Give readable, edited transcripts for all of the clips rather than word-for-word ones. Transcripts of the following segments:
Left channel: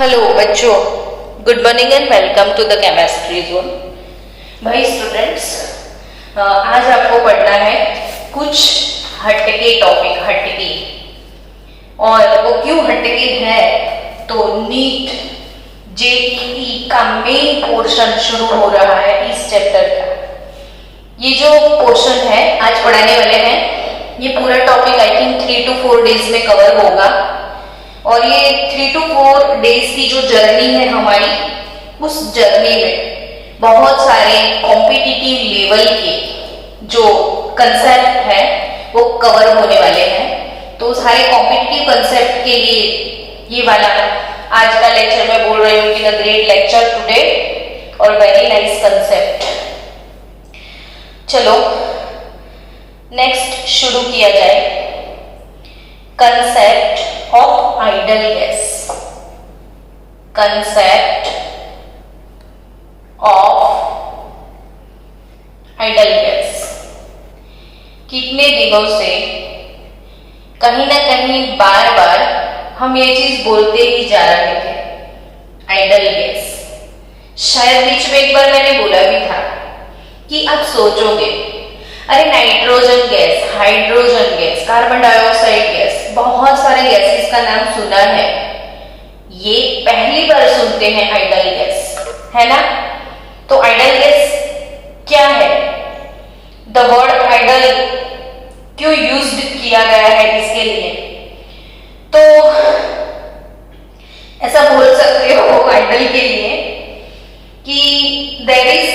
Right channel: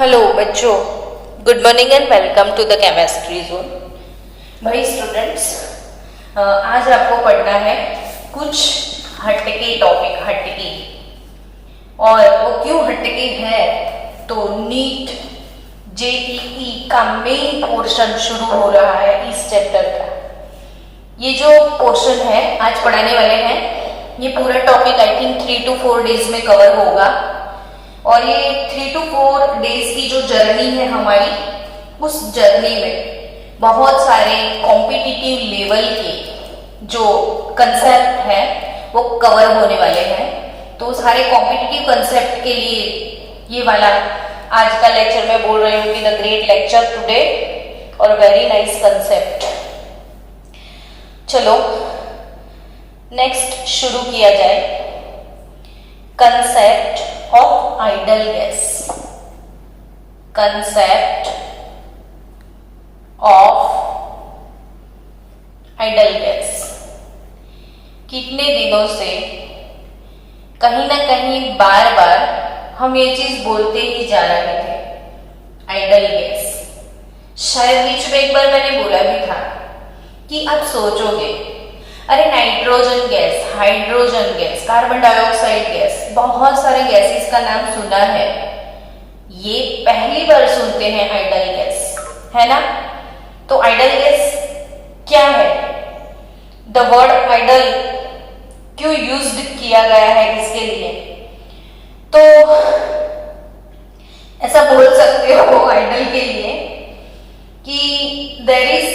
Hello बच्चों, good morning and welcome to the chemistry zone. भाई students, आज आपको पढ़ना है कुछ हटके टॉपिक। हटके, और वो क्यों हटके है तो नीट जेईई का मेन पोर्शन शुरू हो रहा है इस चैप्टर का। ये जो पोर्शन है आज पढ़ाने वाले हैं, ये पूरा topic I think 3 to 4 days में कवर होगा। और ये 3 to 4 डेज की जो जर्नी है हमारी, उस जर्नी में बहुत सारे कॉम्पिटिटिव लेवल के जो कंसेप्ट है वो कवर होने वाले हैं। तो सारे कॉम्पिटिटिव कंसेप्ट के लिए ये वाला आज का लेक्चर मैं बोल रही हूँ कि द ग्रेट लेक्चर टुडे और वेरी नाइस कंसेप्ट। चलो नेक्स्ट शुरू किया जाए। Concept of idle gas। concept of idle gas। कितने दिनों से कहीं ना कहीं बार बार हम ये चीज बोलते ही जा रहे थे, आइडल गैस। शायद बीच में एक बार मैंने बोला भी था कि आप सोचोगे अरे nitrogen gas, hydrogen gas, carbon dioxide gas, बहुत सारे गैसेस का नाम सुना है, ये पहली बार सुनते हैं आइडल गैस, है ना। तो आइडल गैस क्या है, द वर्ड आइडल क्यों यूज्ड किया गया है इसके लिए, तो ऐसा बोल सकते हो आइडल के लिए कि there is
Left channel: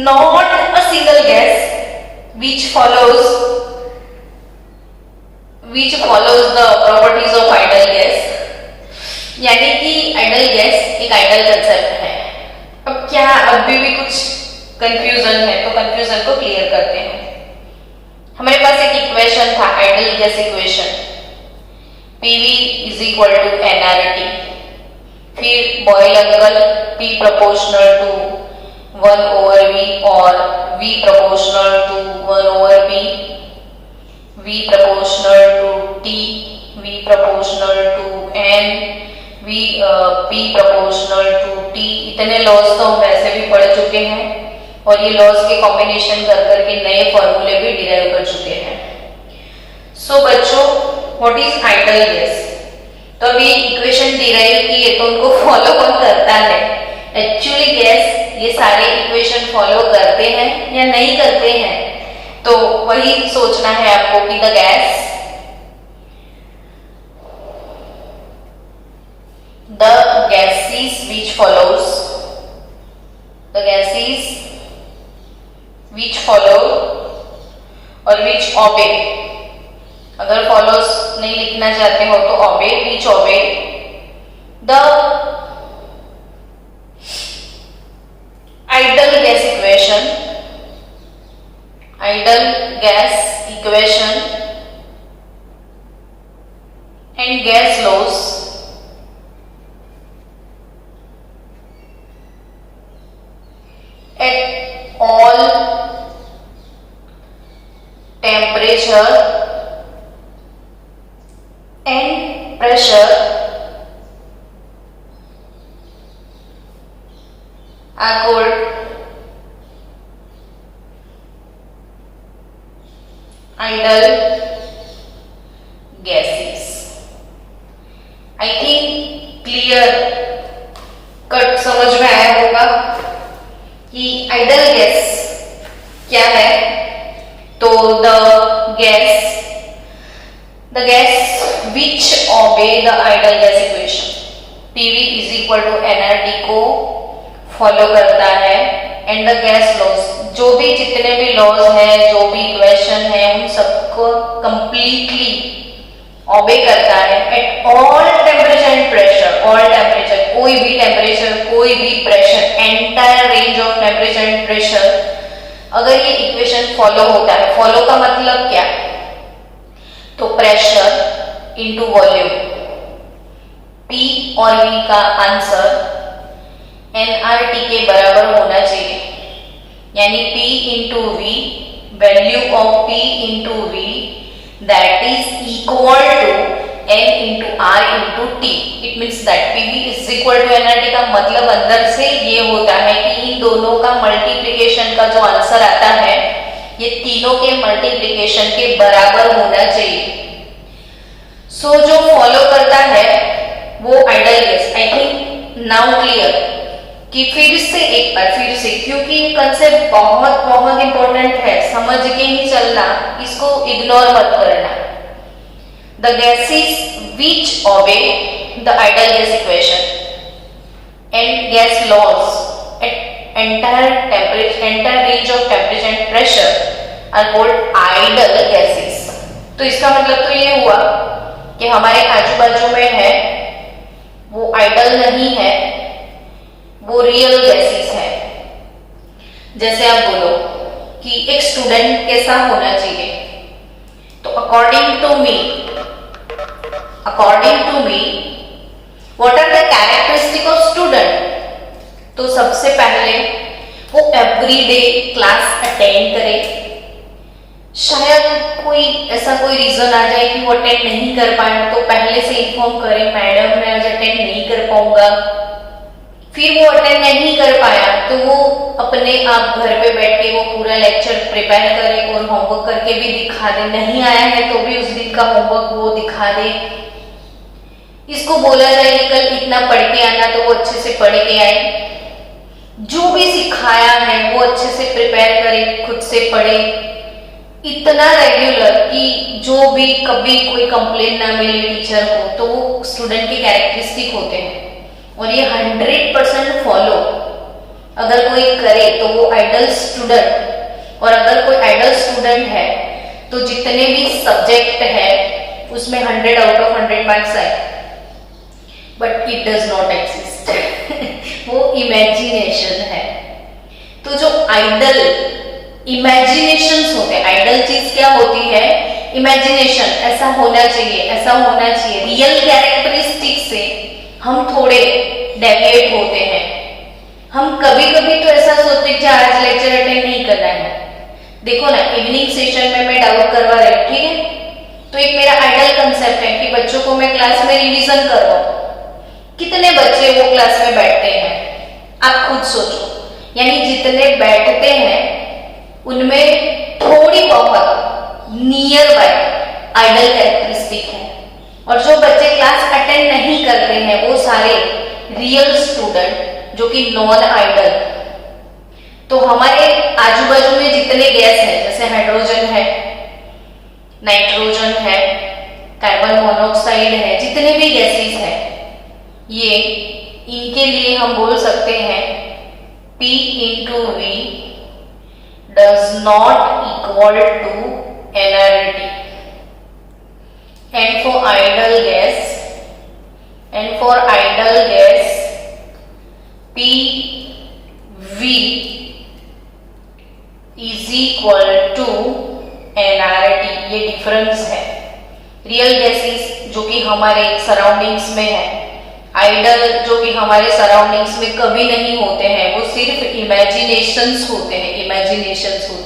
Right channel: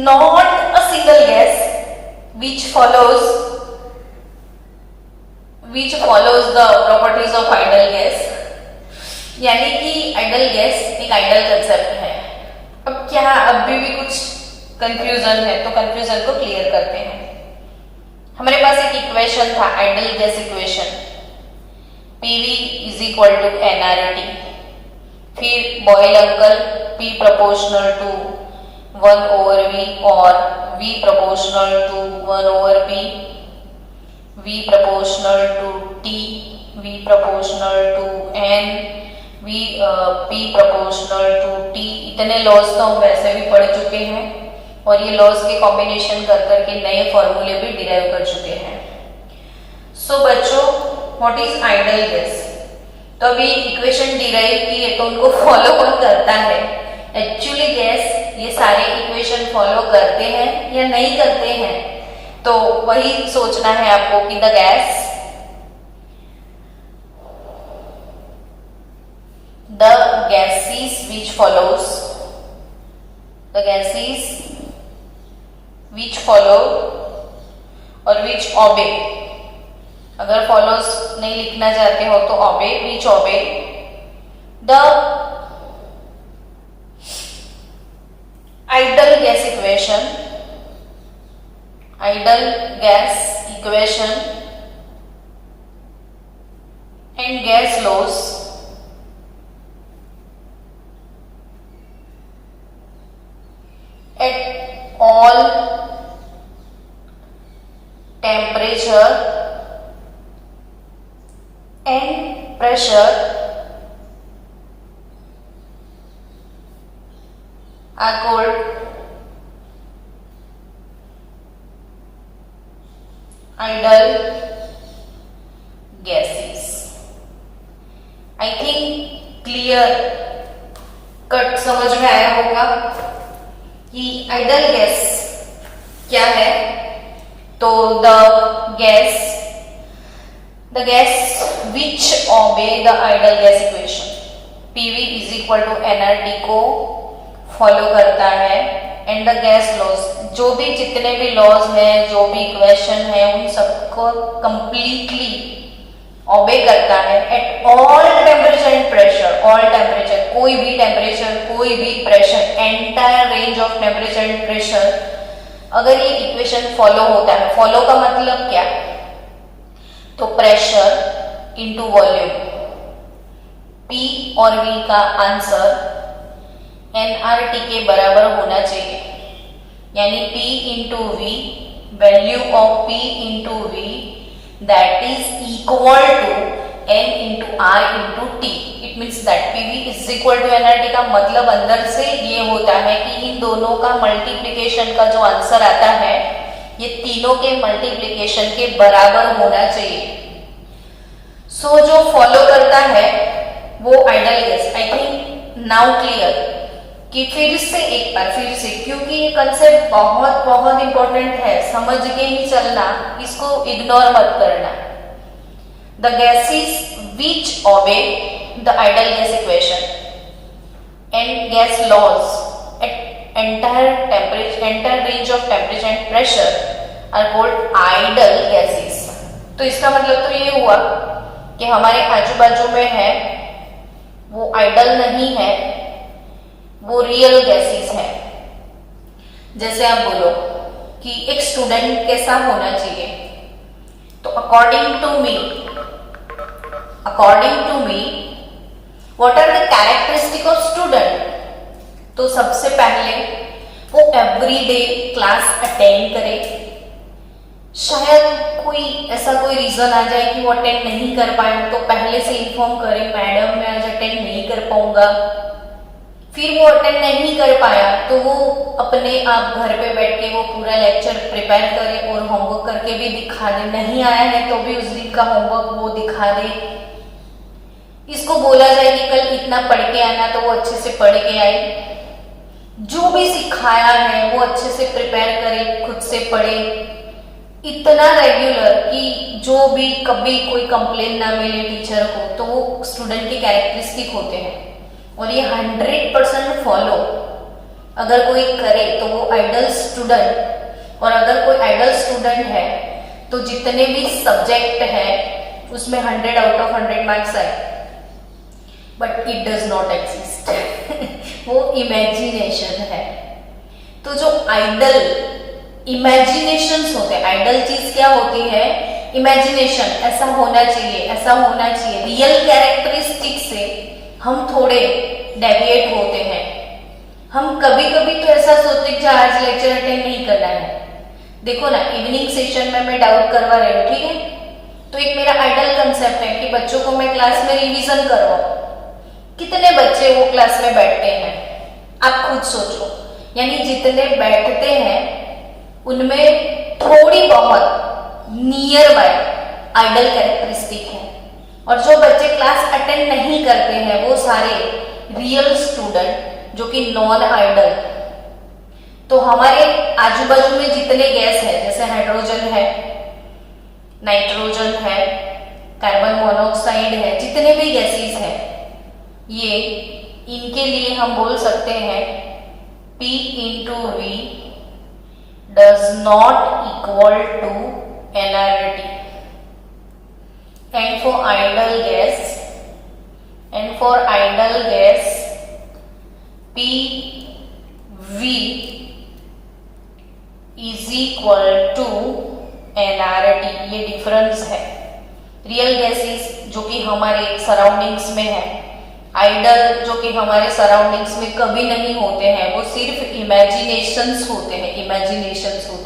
not a single gas which follows the properties of idle gas। यानी कि आइडल गैस एक आइडल कंसेप्ट है। अब क्या अभी भी कुछ कंफ्यूजन है तो कंफ्यूजन को क्लियर करते हैं। हमारे पास एक इक्वेशन था, ideal gas equation, PV is equal to nRT। फिर बॉयल अंकल P प्रोपोर्शनल टू 1/V और V proportional to 1/P, V proportional to T, V proportional to N, P proportional to T। इतने laws तो हम वैसे भी पढ़ चुके हैं और ये लॉज के कॉम्बिनेशन कर करके नए फॉर्मूले भी डिराइव कर चुके हैं। सो बच्चों, व्हाट इज आइडल गैस? तो अभी इक्वेशन डिराइव किए तो उनको फॉलो कौन करता है? एक्चुअली गैस ये सारे इक्वेशन फॉलो करते हैं या नहीं करते हैं, तो वही सोचना है आपको कि द gases which follow और which obey। अगर follows नहीं लिखना चाहते हो तो obey, which obey the idle gas equation and gas laws at all temperature and pressure are called idle gases। I think clear cut समझ में आया होगा कि आइडल गैस क्या है। तो the gas which obey the idle gas equation, PV is equal to nRT को follow करता है, एंड द गैस लॉज, जो भी जितने भी लॉज हैं, जो भी इक्वेशन है, उन सबको कंप्लीटली ओबे करता है at all temperature and pressure. All temperature, कोई भी टेम्परेचर, कोई भी pressure, entire range of temperature and pressure, अगर ये इक्वेशन फॉलो होता है। फॉलो का मतलब क्या? तो प्रेशर इनटू वॉल्यूम, P और V का आंसर nRT के बराबर होना चाहिए, यानी P into V, value of P into V that is equal to N into R into T. It means that PV is equal to nRT का मतलब अंदर से ये होता है कि इन दोनों का मल्टीप्लिकेशन का जो आंसर आता है ये तीनों के मल्टीप्लिकेशन के बराबर होना चाहिए. सो जो फॉलो करता है वो ideal gas. I think now clear कि फिर से क्योंकि ये कंसेप्ट बहुत बहुत इंपॉर्टेंट है, समझ के ही चलना, इसको इग्नोर मत करना. The gases which obey the ideal gas equation and gas laws at entire range of temperature and pressure are called ideal gases. तो इसका मतलब तो ये हुआ कि हमारे आजू बाजू में है वो आइडल नहीं है, वो रियल गैसेस है. जैसे आप बोलो कि एक स्टूडेंट कैसा होना चाहिए, तो according to me what are the characteristic of student. तो सबसे पहले वो एवरीडे क्लास अटेंड करे. शायद कोई रीजन आ जाए कि वो अटेंड नहीं कर पाए तो पहले से इन्फॉर्म करे, मैडम मैं आज अटेंड नहीं कर पाऊंगा. फिर वो अटेंड नहीं कर पाया तो वो अपने आप घर पे बैठ के वो पूरा लेक्चर प्रिपेयर करे और होमवर्क करके भी दिखा दे. नहीं आया है तो भी उस दिन का होमवर्क वो दिखा दे. इसको बोला जाए कि कल इतना पढ़ के आना, तो वो अच्छे से पढ़ के आए. जो भी सिखाया है वो अच्छे से प्रिपेयर करे, खुद से पढ़े, इतना रेगुलर कि जो भी कभी कोई कंप्लेन ना मिले टीचर को. तो वो स्टूडेंट के कैरेक्टरिस्टिक होते हैं और ये 100% फॉलो अगर कोई करे तो वो आइडल स्टूडेंट. और अगर कोई आइडल स्टूडेंट है तो जितने भी सब्जेक्ट है उसमें 100 आउट ऑफ 100 मार्क्स आए. But it does not exist. वो इमेजिनेशन है. तो जो आइडल इमेजिनेशंस होते हैं, आइडल चीज क्या होती है, इमेजिनेशन. ऐसा होना चाहिए, ऐसा होना चाहिए. रियल कैरेक्टरिस्टिक से हम थोड़े डेविएट होते हैं. हम कभी कभी तो ऐसा सोचते हैं कि आज लेक्चर अटेंड नहीं करना है. देखो ना, इवनिंग सेशन में मैं डाउट करवा रही हूँ, ठीक है, तो एक मेरा आइडल कंसेप्ट है कि बच्चों को मैं क्लास में रिवीजन करवाऊं. कितने बच्चे वो क्लास में बैठते हैं आप खुद सोचो. यानी जितने बैठते हैं उनमें थोड़ी बहुत नियर बाय आइडल कैरेक्टरिस्टिक है. और जो बच्चे क्लास अटेंड नहीं करते हैं वो सारे रियल स्टूडेंट जो कि नॉन आइडल. तो हमारे आजू बाजू में जितने गैस है, जैसे हाइड्रोजन है, नाइट्रोजन है, कार्बन मोनोऑक्साइड है, जितने भी गैसेस हैं, ये इनके लिए हम बोल सकते हैं P into V does not equal to nRT. And for ideal gas PV is equal to nRT. ये डिफरेंस है. रियल गैसेस जो कि हमारे सराउंडिंग्स में है, आइडल जो कि हमारे सराउंडिंग्स में कभी नहीं होते हैं, वो सिर्फ इमेजिनेशंस होते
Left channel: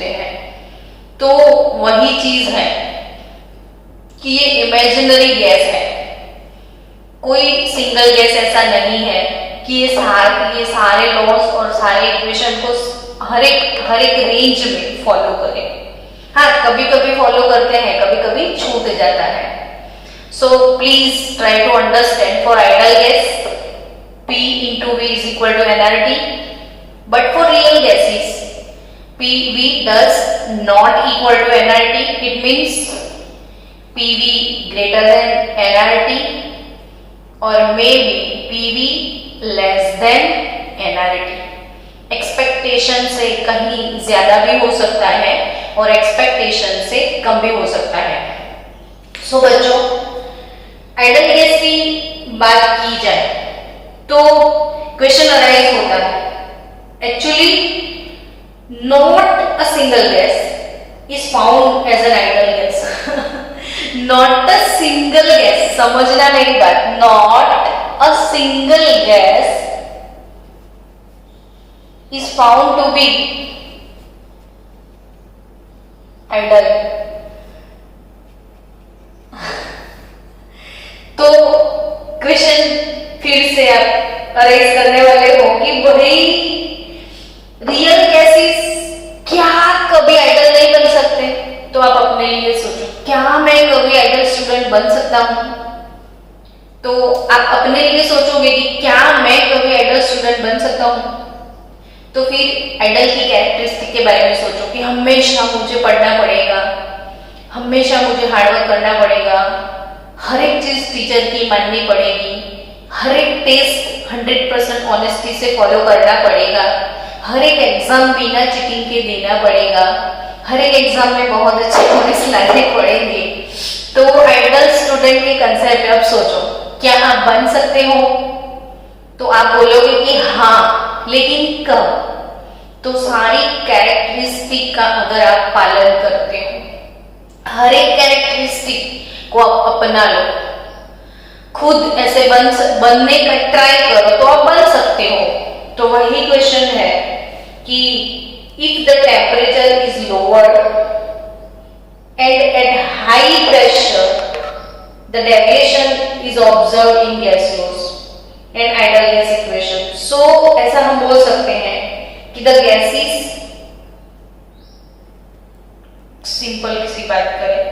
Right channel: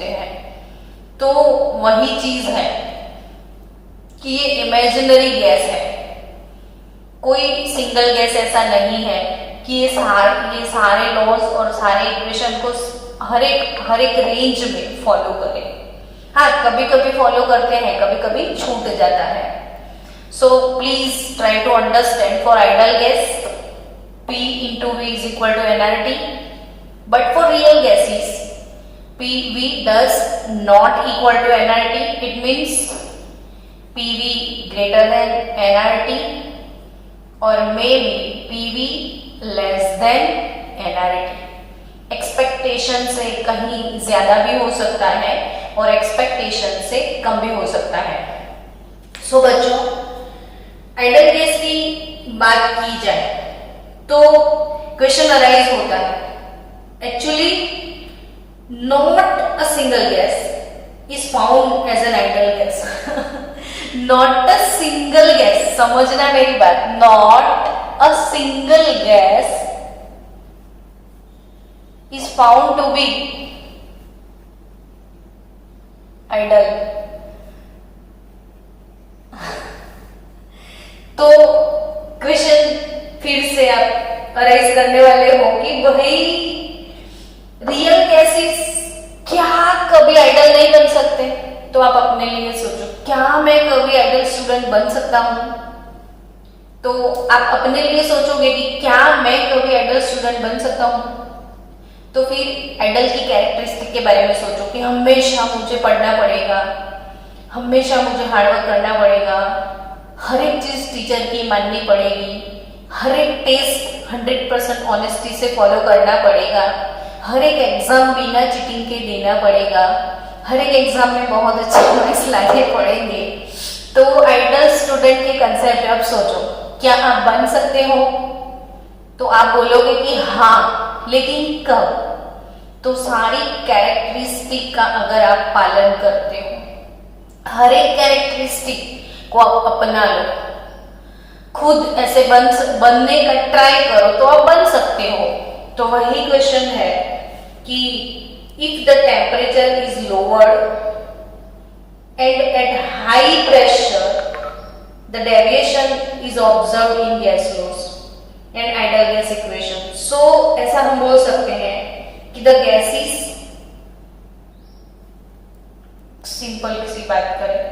हैं. तो वही चीज है कि ये इमेजिनरी गैस है. कोई सिंगल गैस ऐसा नहीं है कि ये सारे लॉज और सारे इक्वेशन को हर एक रेंज में फॉलो करे. हाँ, कभी कभी फॉलो करते हैं, कभी कभी छूट जाता है. So please try to understand, for ideal gas P into V is equal to nRT, but for real gases PV does not equal to nRT. It means PV greater than nRT or maybe PV less than nRT. Expectation से कहीं ज्यादा भी हो सकता है और expectation से कम भी हो सकता है. सो बच्चों, आइडल गैस की बात की जाए तो क्वेश्चन अराइज होता है, actually not a single gas is found as an ideal gas. Not a single gas, समझना मेरी बात, not a single gas is found to be ideal. तो क्वेश्चन फिर से आप अरेज करने वाले हो कि वही रियल गैसेस क्या कभी आइडल नहीं बन सकते? तो आप अपने लिए सोचो, क्या मैं कभी आइडल स्टूडेंट बन सकता हूं? तो आप अपने लिए सोचोगे कि क्या मैं कभी आइडल स्टूडेंट बन सकता हूं? तो फिर आइडल की कैरेक्टरिस्टिक के बारे में सोचो कि हमेशा मुझे पढ़ना पड़ेगा, हमेशा मुझे हार्डवर्क करना पड़ेगा, हर एक चीज टीचर की माननी पड़ेगी, हर एक टेस्ट 100% ऑनेस्टी से फॉलो करना पड़ेगा, हर एक एग्जाम बिना चीटिंग के देना पड़ेगा, हर एक एग्जाम में बहुत अच्छे मार्क्स लाने पड़ेंगे। तो आइडल स्टूडेंट के कंसेप्ट आप सोचो, क्या आप बन सकते हो? तो आप बोलोगे कि हाँ, लेकिन कब? तो सारी कैरेक्टरिस्टिक का अगर आप पालन करते हो, हर एक कैरेक्टरिस्टिक को आप अपना लो, खुद ऐसे बनने का ट्राई करो तो आप बन सकते हो। तो वही क्वेश्चन है कि if the temperature is lowered and at high pressure the deviation is observe in gas laws and ideal gas equation. So ऐसा हम बोल सकते हैं कि द गैसेस, सिंपल सी बात करें,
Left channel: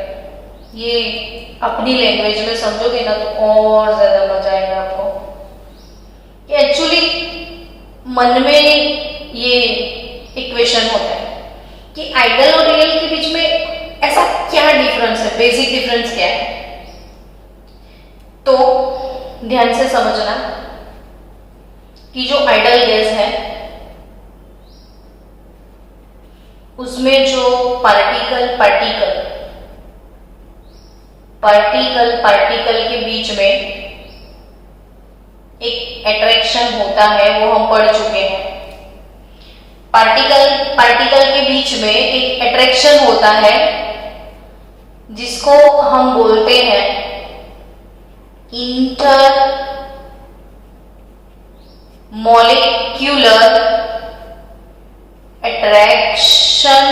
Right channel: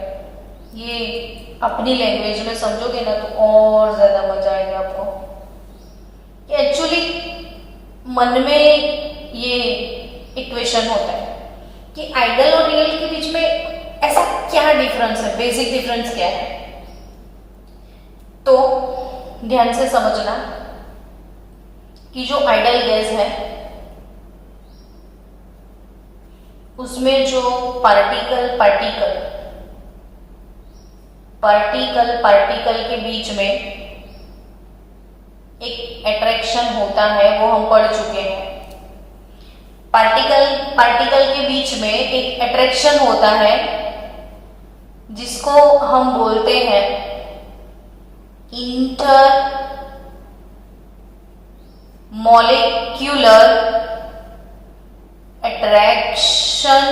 ये अपनी लैंग्वेज में समझोगे ना तो और ज्यादा मजा आएगा आपको। एक्चुअली मन में ये इक्वेशन होता है कि आइडल और रियल के बीच में ऐसा क्या डिफरेंस है, बेसिक डिफरेंस क्या है? तो ध्यान से समझना कि जो आइडल गैस है उसमें जो पार्टिकल के बीच में एक अट्रैक्शन होता है, वो हम पढ़ चुके हैं। पार्टिकल के बीच में एक अट्रैक्शन होता है जिसको हम बोलते हैं inter molecular attraction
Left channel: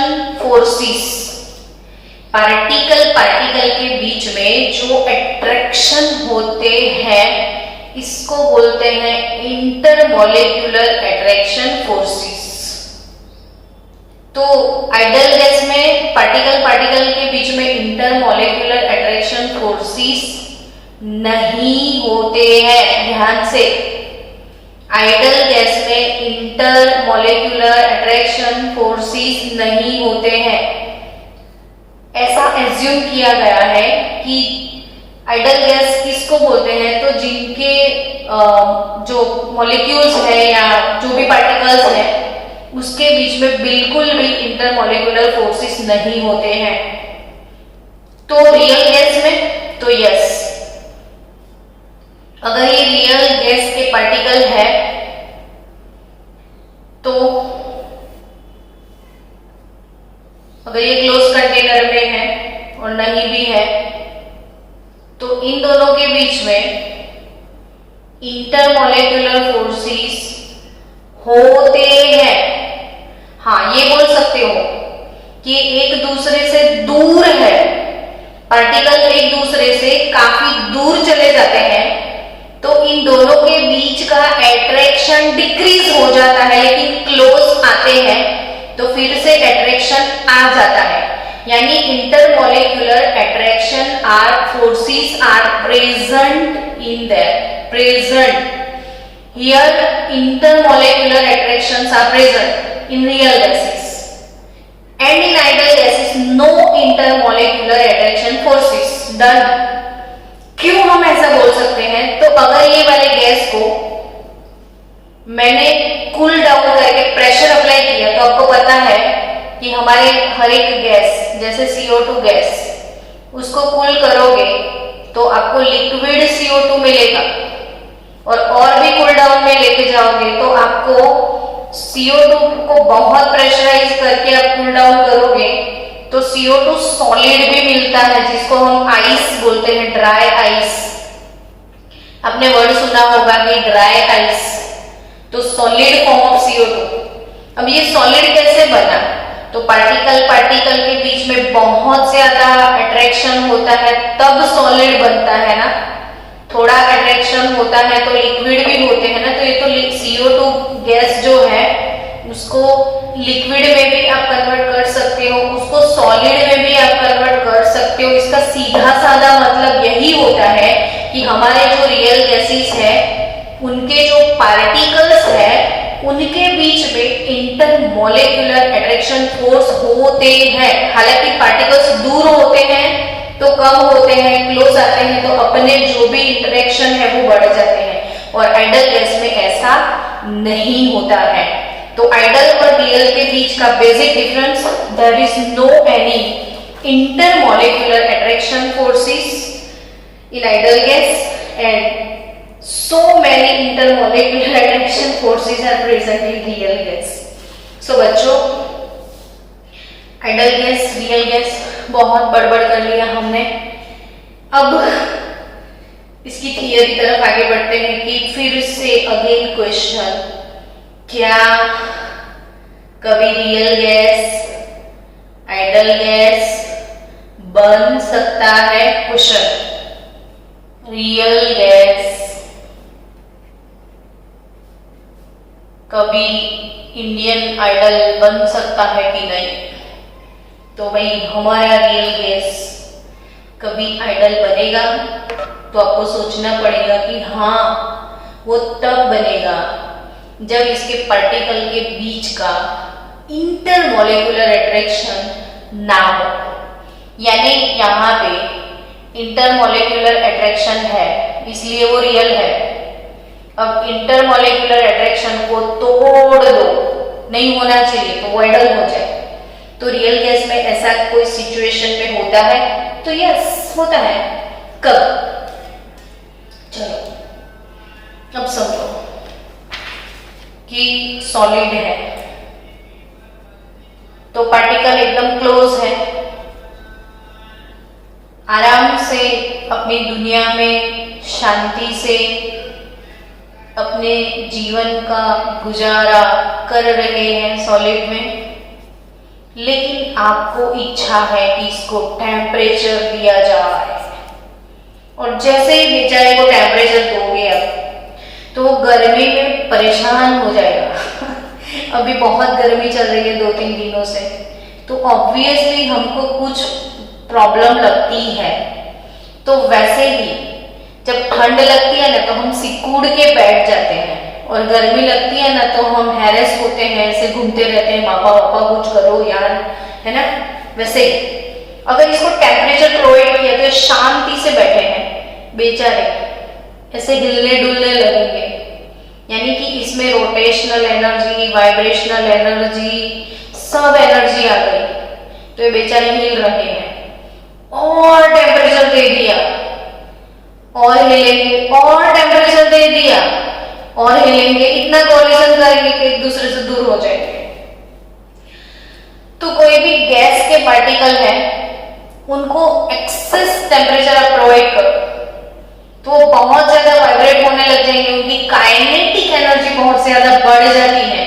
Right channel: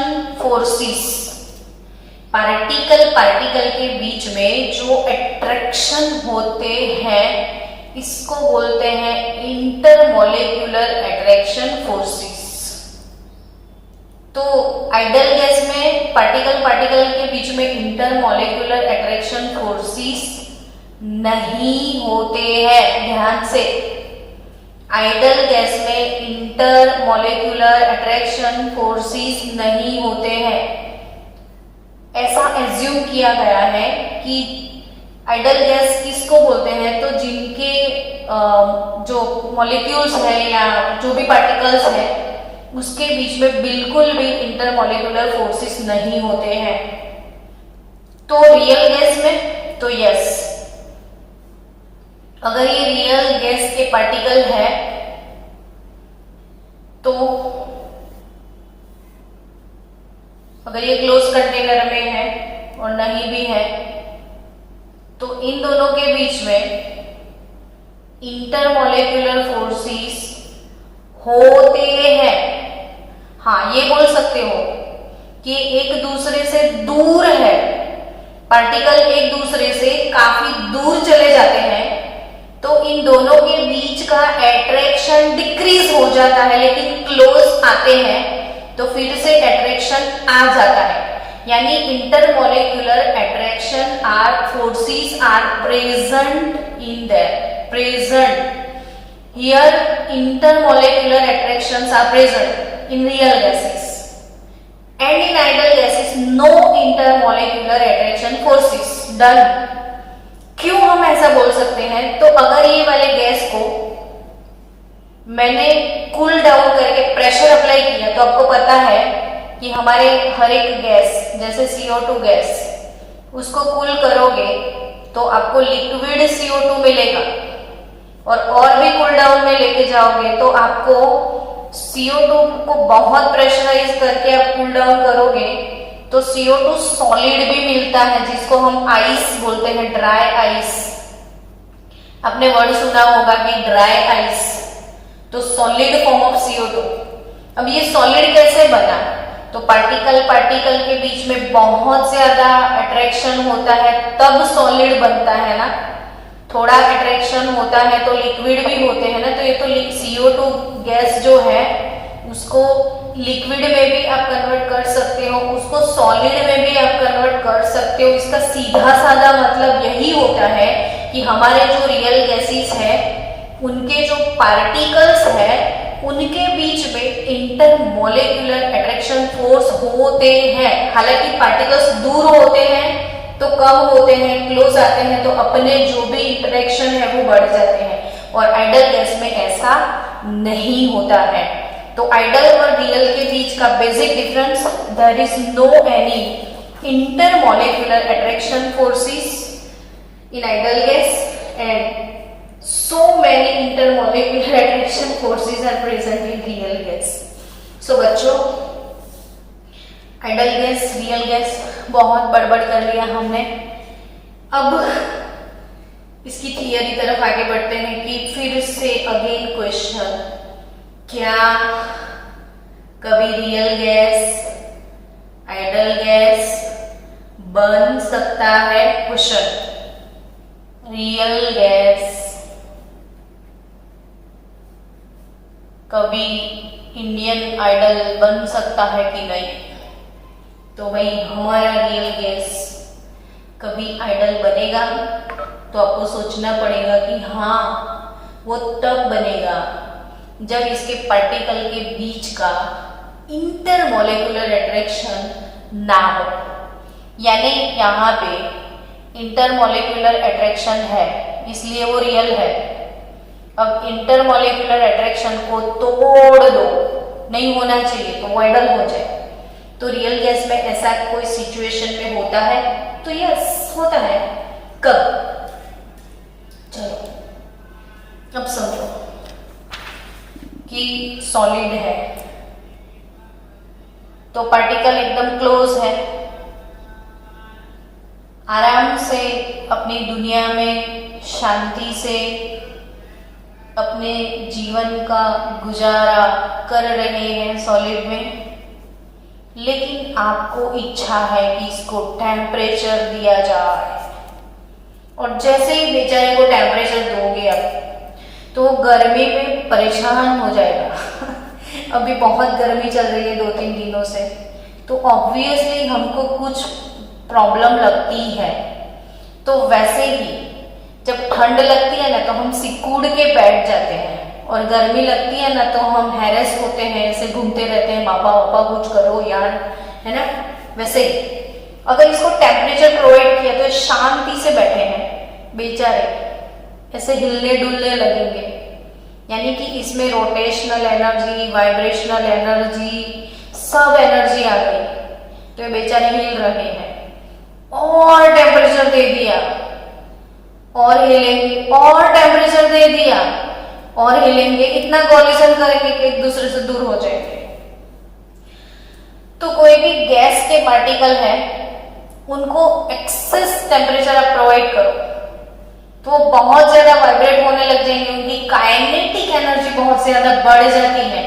forces. Particle के बीच में जो अट्रैक्शन होते हैं इसको बोलते हैं इंटरमॉलिक्यूलर अट्रैक्शन फोर्सेस। तो आइडल गैस में पार्टिकल के बीच में इंटरमॉलिक्यूलर अट्रैक्शन फोर्सेस नहीं होते हैं। ध्यान से, आइडल गैस में इंटरमॉलिक्यूलर अट्रैक्शन फोर्सेस नहीं होते हैं। ऐसा एज्यूम किया गया है कि आइडल गैस किसको बोलते हैं, तो जिनके जो मॉलिक्यूल्स है या जो भी पार्टिकल्स हैं उसके बीच में बिल्कुल भी इंटरमॉलिक्यूलर फोर्सेस नहीं होते हैं। तो रियल गैस में तो यस, अगर ये रियल गैस के पार्टिकल है तो अगर ये क्लोज कंटेनर में है और नहीं भी है तो इन दोनों के बीच में इंटरमॉलिक्यूलर फोर्सेस होते हैं। हाँ, ये बोल सकते हो कि एक दूसरे से दूर है, पार्टिकल एक दूसरे से काफी दूर चले जाते हैं तो इन दोनों के बीच का अट्रैक्शन डिक्रीज हो जाता है, लेकिन क्लोज आते हैं तो फिर से अट्रैक्शन आ जाता है। यानी intermolecular attraction or forces are present in there, present here intermolecular attractions are present in real gases and in ideal gases no intermolecular attraction forces. Done. क्यों हम ऐसा बोल सकते हैं? तो अगर ये वाले गैस को मैंने कूल डाउन करके प्रेशर अप्लाई किया तो आपको पता है कि हमारे हर एक गैस जैसे CO2 गैस, उसको कूल करोगे तो आपको लिक्विड CO2 मिलेगा और भी कूल डाउन में लेके जाओगे तो आपको CO2 को बहुत प्रेशराइज करके आप कूल डाउन करोगे तो CO2 सॉलिड भी मिलता है जिसको हम आइस बोलते हैं, ड्राई आइस। आपने वर्ड सुना होगा कि ड्राई आइस, तो सॉलिड फॉर्म ऑफ CO2। अब ये सॉलिड कैसे बना? तो पार्टिकल के बीच में बहुत ज्यादा अट्रैक्शन होता है तब सॉलिड बनता है ना। थोड़ा अट्रैक्शन होता है तो लिक्विड भी होते हैं ना, तो ये तो CO2 गैस जो है उसको लिक्विड में भी आप कन्वर्ट कर सकते हो, उसको सॉलिड में भी आप कन्वर्ट कर सकते हो। इसका सीधा साधा मतलब यही होता है कि हमारे जो रियल गैसेस है उनके जो पार्टिकल्स है उनके बीच में इंटरमोलेक्युलर अट्रैक्शन फोर्स होते हैं। हालांकि पार्टिकल्स दूर होते हैं तो कम होते हैं, क्लोज आते हैं तो अपने जो भी इंटरेक्शन है वो बढ़ जाते हैं, और आइडल गैस में ऐसा नहीं होता है। तो आइडल और रियल के बीच का basic difference, there is no any intermolecular attraction forces in ideal gas and so many intermolecular attraction forces are present in real gas. So बच्चों, आइडल गैस, रियल गैस बहुत बड़बड़ कर लिया हमने। अब इसकी थियरी तरफ आगे बढ़ते हैं कि फिर से अगेन क्वेश्चन, क्या कभी रियल गैस आइडल गैस बन सकता है? क्वेश्चन, रियल गैस कभी इंडियन आइडल बन सकता है कि नहीं? तो भाई हमारा रियल गैस कभी आइडल बनेगा तो आपको सोचना पड़ेगा कि हाँ वो तब बनेगा जब इसके पार्टिकल के बीच का इंटरमोलेकुलर अट्रैक्शन ना हो। यानी यहाँ पे इंटरमोलेकुलर अट्रैक्शन है इसलिए वो रियल है। अब इंटरमोलेकुलर अट्रैक्शन को तोड़ दो, नहीं होना चाहिए तो वो आइडल हो जाए। तो रियल गैस में ऐसा कोई सिचुएशन में होता है? तो यस होता है। कब? चलो अब समझो कि सॉलिड है तो पार्टिकल एकदम क्लोज है, आराम से अपनी दुनिया में शांति से अपने जीवन का गुजारा कर रहे हैं सॉलिड में। लेकिन आपको इच्छा है कि इसको टेम्परेचर दिया जाए, और जैसे ही बेचारे को टेम्परेचर दोगे अब तो गर्मी में परेशान हो जाएगा। अभी बहुत गर्मी चल रही है 2-3 दिनों से, तो ऑब्वियसली हमको कुछ प्रॉब्लम लगती है। तो वैसे ही जब ठंड लगती है ना तो हम सिकुड़ के बैठ जाते हैं, और गर्मी लगती है ना तो हम हैरेस होते हैं, ऐसे घूमते रहते हैं, मापा वापा कुछ करो यार, है ना। वैसे ही अगर इसको टेम्परेचर प्रोवाइड किया तो शांति से बैठे हैं बेचारे, ऐसे हिलने डुलने लगेंगे। यानी कि इसमें रोटेशनल एनर्जी, वाइब्रेशनल एनर्जी, सब एनर्जी आ गई, तो ये बेचारे हिल रहे हैं। और टेम्परेचर दे दिया और हिलेंगे, और टेम्परेचर दे दिया और हिलेंगे, इतना कोलिजन करेंगे कि एक दूसरे से दूर हो जाएंगे। तो कोई भी गैस के पार्टिकल है उनको एक्सेस टेम्परेचर आप प्रोवाइड करो तो वो बहुत ज्यादा वाइब्रेट होने लग जाएंगे, उनकी काइनेटिक एनर्जी बहुत ज्यादा बढ़ जाती है,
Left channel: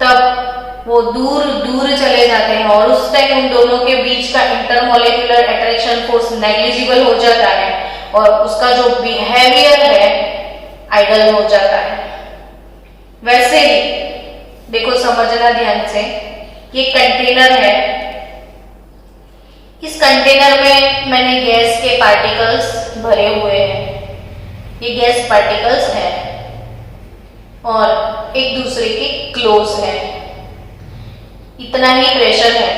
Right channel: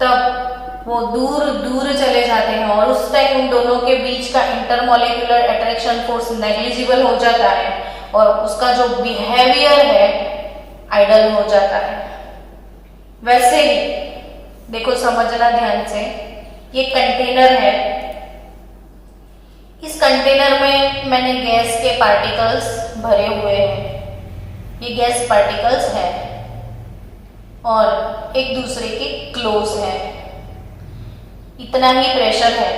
तब वो दूर दूर चले जाते हैं, और उस टाइम उन दोनों के बीच का इंटरमोलेकुलर अट्रैक्शन फोर्स नेग्लिजिबल हो जाता है, और उसका जो बिहेवियर है आइडल हो जाता है। वैसे ही देखो, समझना ध्यान से, ये कंटेनर है, इस कंटेनर में मैंने गैस के पार्टिकल्स भरे हुए हैं, ये गैस पार्टिकल्स हैं और एक दूसरे के क्लोज हैं, इतना ही प्रेशर है।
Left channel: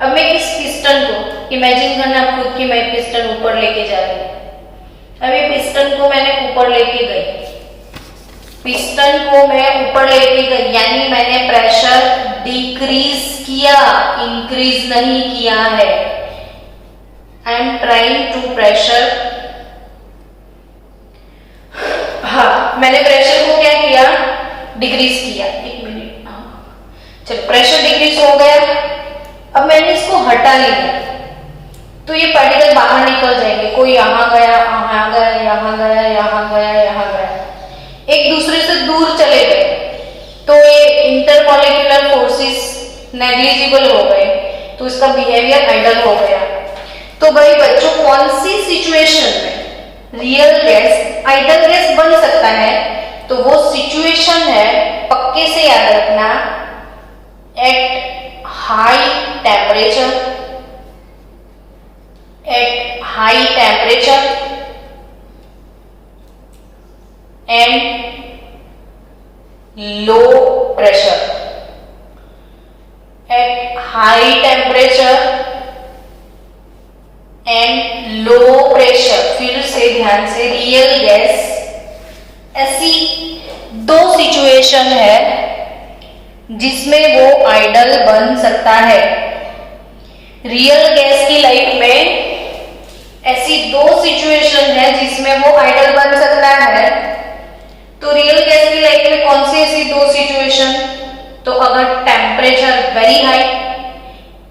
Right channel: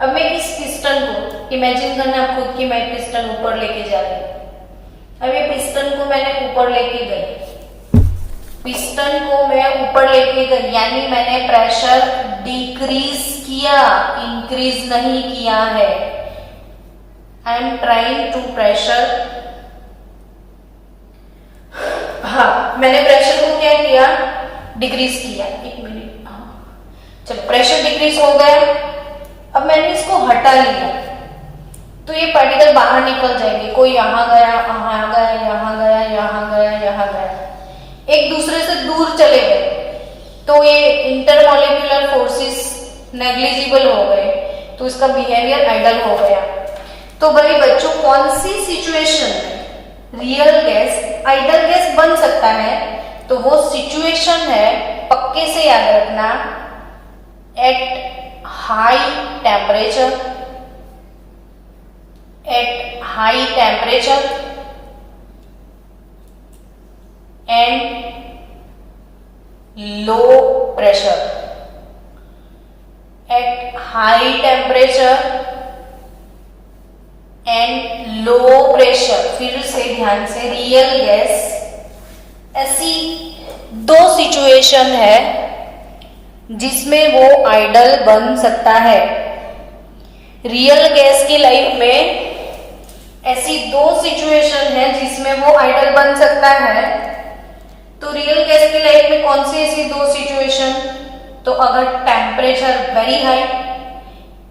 अब मैं इस पिस्टन को, इमेजिन करना आप खुद की, मैं पिस्टन ऊपर लेके जा रही हूँ। अब ये पिस्टन को मैंने ऊपर लेके गई, पिस्टन को मैं ऊपर लेके गई, यानी मैंने प्रेशर डिक्रीज किया, इंक्रीज नहीं किया है। I am trying to pressure, हाँ मैंने प्रेशर को क्या किया, डिक्रीज किया। एक मिनट, चलो प्रेशर डिक्रीज हो गया। अब मैंने इसको हटा लिया तो ये पार्टिकल बाहर निकल जाएंगे, कोई यहाँ गया, यहाँ गया, यहाँ गया, यहाँ गया, यहाँ गया, एक दूसरे से दूर चले गए, तो ये इंटरमोलेकुलर फोर्सेस नेग्लिजिबल हो गए, तो इसका बिहेवियर आइडल हो गया। तो भाई बच्चों, कौन सी सिचुएशन में रियल गैस आइडल गैस बन सकता है, तो वो सिचुएशन है, पक्के से याद रखना, at high temperature, at high temperature and low pressure, at high temperature and low pressure. फिर से ध्यान से, रियल गैस ऐसी दो सिचुएशन है जिसमें वो आइडल बन सकता है। रियल गैस की लाइफ में ऐसी दो सिचुएशन है जिसमें वो आइडल बन सकता है। तो रियल गैस की लाइफ में कौन सी ऐसी दो सिचुएशन? तो अगर टेम्परेचर वेरी हाई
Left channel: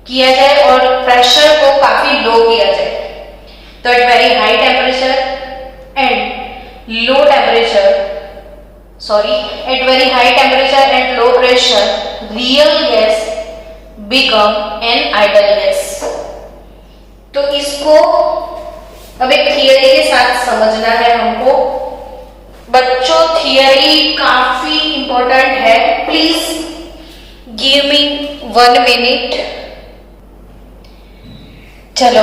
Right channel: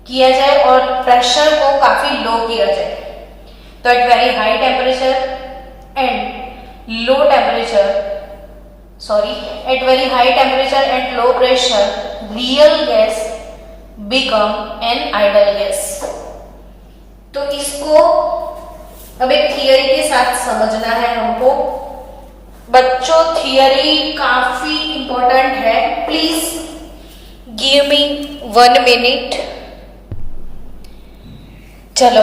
किया जाए और प्रेशर को काफी लो किया जाए, तो at very high temperature and low temperature, sorry, at very high temperature and low pressure, real gas become an ideal gas. तो इसको अब एक थियरी के साथ समझना है हमको। बच्चों, थियरी काफी इंपॉर्टेंट है, प्लीज गिव मी 1 मिनट। चलो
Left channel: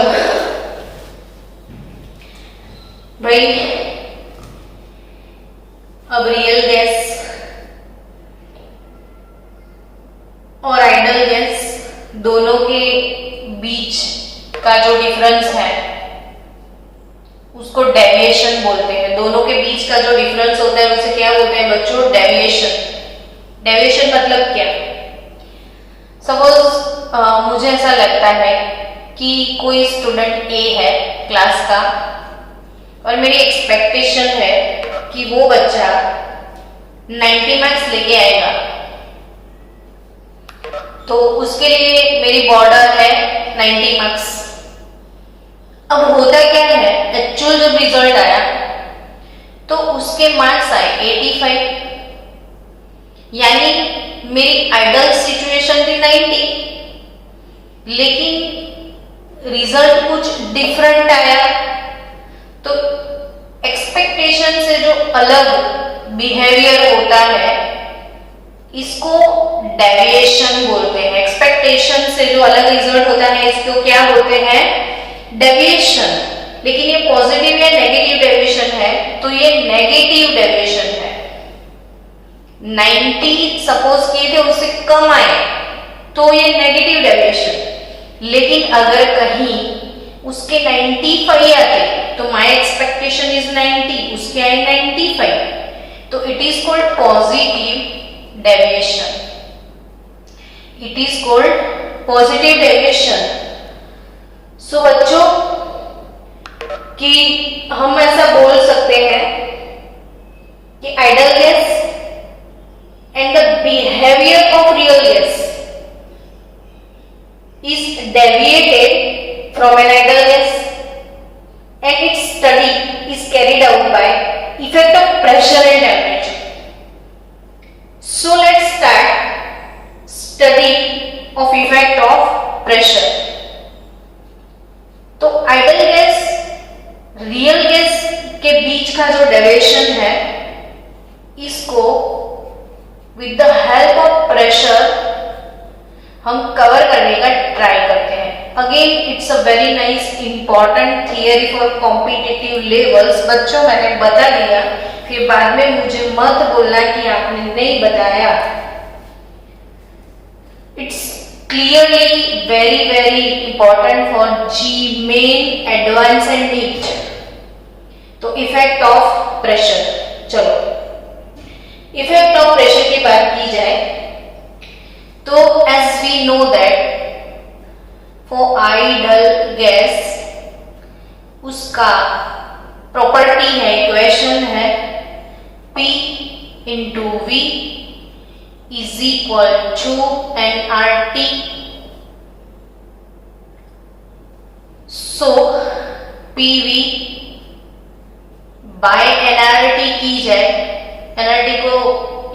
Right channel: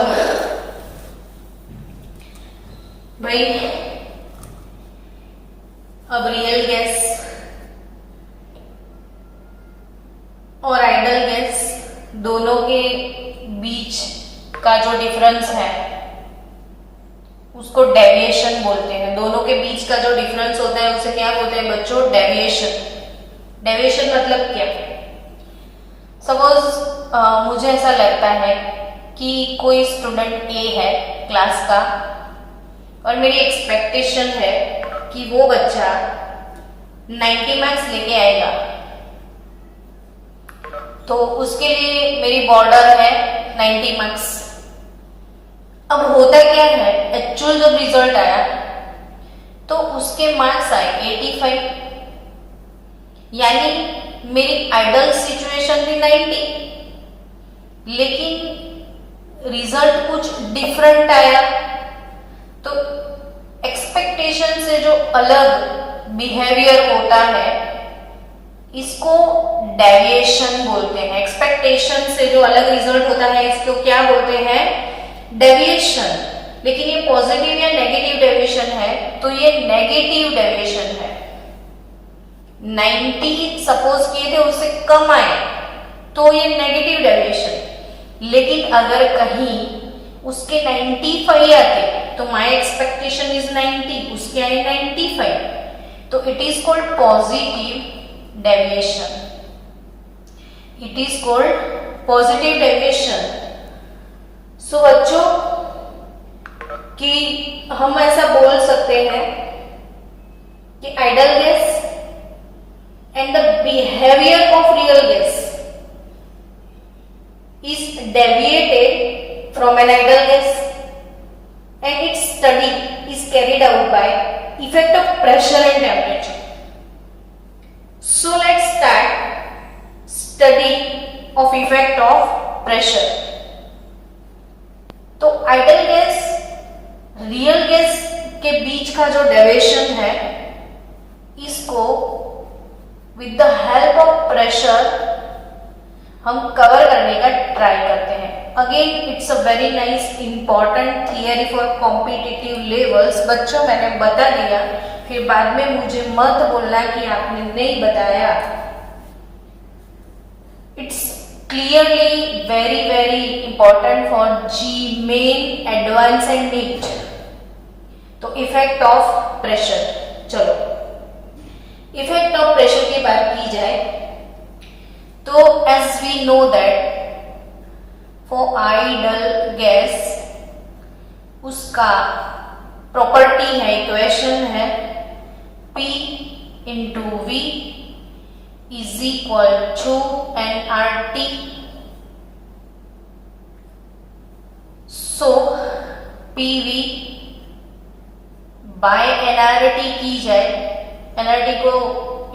भाई, अब रियल गैस और आइडल गैस दोनों के बीच का जो डिफरेंस है उसको डेविएशन बोलते हैं। दोनों के बीच का जो डिफरेंस होता है उसे क्या बोलते हैं बच्चों? डेविएशन। डेविएशन मतलब क्या? सपोज मुझे ऐसा लगता है कि कोई स्टूडेंट ए है क्लास का और मेरी एक्सपेक्टेशन है कि वो बच्चा 90 मार्क्स लेके आएगा, तो उसके लिए मेरी बॉर्डर है 90 मार्क्स। अब होता क्या है, एक्चुअल जब रिजल्ट आया तो उसके मार्क्स आए 85, यानी मेरी आइडल सिचुएशन थी 90, लेकिन रिजल्ट कुछ डिफरेंट आया। तो एक्सपेक्टेशन से जो अलग बिहेवियर होता है इसको डेविएशन बोलते हैं। एक्सपेक्टेशन से जो अलग रिजल्ट होता है इसको क्या बोलते हैं? डेविएशन। लेकिन ये पॉजिटिव या नेगेटिव डेविएशन है, तो ये नेगेटिव डेविएशन है। 90 सपोज किए थे उससे कम आए तो ये नेगेटिव डेविएशन। लेकिन अगर कहीं उसके 95 आते तो माय एक्सपेक्टेशन इज 90, उसके आए 95, तो it is called positive deviation. It is called positive deviation. So बच्चों, कि हम ऐसा बोल सकते हैं कि ideal gas and the behaviour of real gas is deviated from an ideal gas and its study is carried out by effect of pressure and temperature. So let's start study of effect of pressure. तो idol gas real gas के बीच का जो deviation है इसको with the help of pressure हम cover करने का ट्राई करते हैं। Again it's a very nice important theory for competitive levels. बच्चों, मैंने बता दिया, फिर बाद में मुझे मत बोलना कि आपने नहीं बताया। It's clearly very very important for JEE Main, advance and NEET. तो इफेक्ट ऑफ प्रेशर, चलो इफेक्ट ऑफ प्रेशर की बात की जाए तो as we know that for ideal gas उसका प्रॉपर्टी है, इक्वेशन है P into V is equal to nRT। So PV by nRT की जाए, nRT को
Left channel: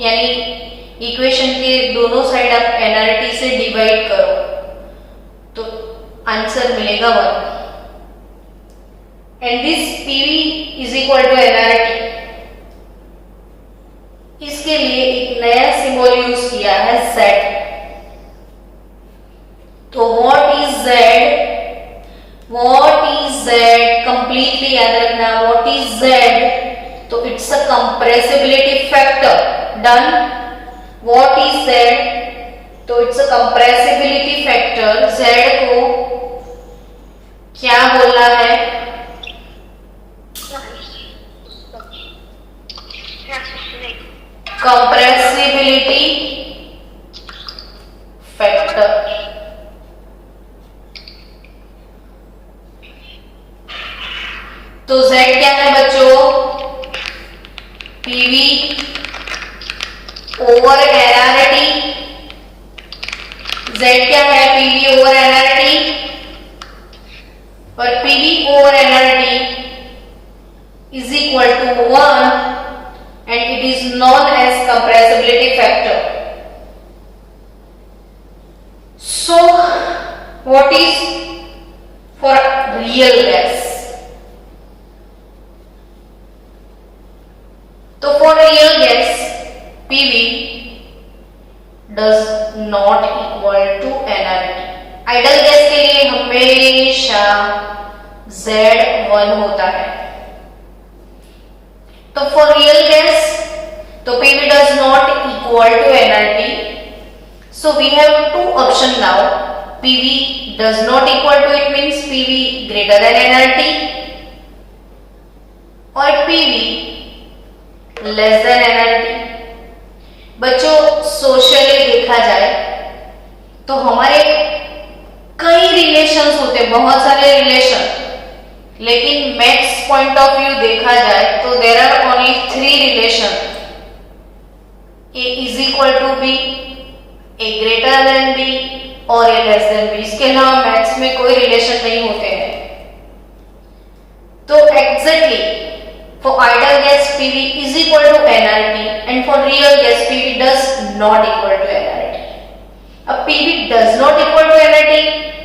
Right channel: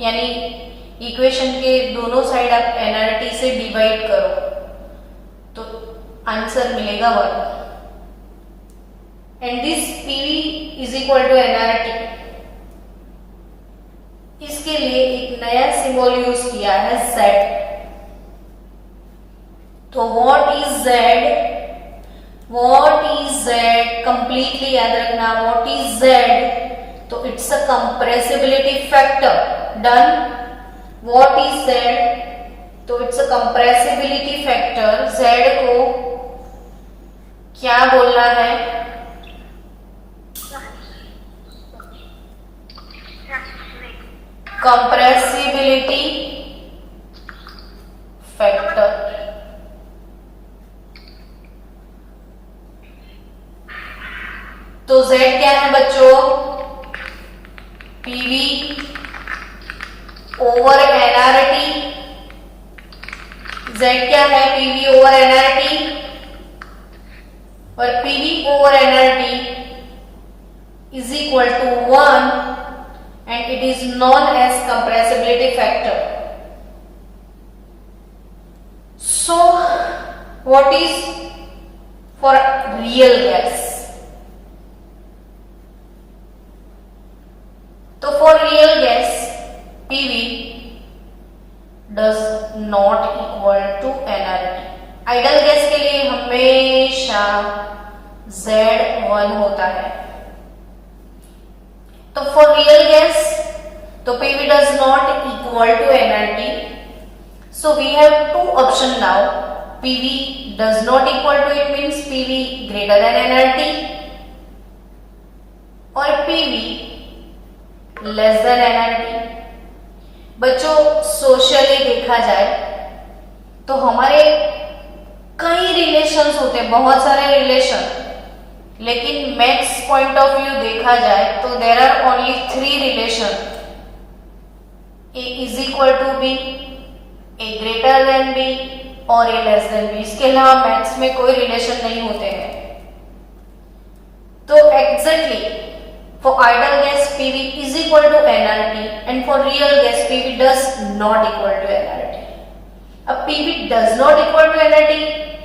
यानी इक्वेशन के दोनों साइड आप nRT से डिवाइड करो तो आंसर मिलेगा 1। And this PV is equal to NRT. इसके लिए एक नया सिंबल यूज किया है Z। तो what is Z? What is Z? Completely याद रखना, व्हाट इज Z? तो it's a compressibility factor. Done. What is Z? तो it's a compressibility factor. Z को क्या बोलना है? Compressibility factor. तो Z क्या है बच्चों? PV over NRT. Z क्या है? PV over NRT. और PV over NRT is equal to 1 and it is known as compressibility factor. So what is for real gas? तो for real gas PV does not equal to nRT. Idol gas के लिए हमेशा Z1 होता है। तो for real gas तो PV does not equal to nRT. So we have two options now. PV does not equal to, it means PV greater than nRT, और PV less than nRT. बच्चों socially देखा जाए तो हमारे कई relations होते हैं, बहुत सारे रिलेशन, लेकिन मैक्स पॉइंट ऑफ व्यू देखा जाए तो there are only 3 relation. A is equal to B, A greater than B और A लेस देन B। इसके अलावा मैथ्स में कोई रिलेशन नहीं होते हैं। तो exactly for ideal gas PV is equal to nRT and for real gas PV does not equal to nRT। अब PV does not equal to nRT,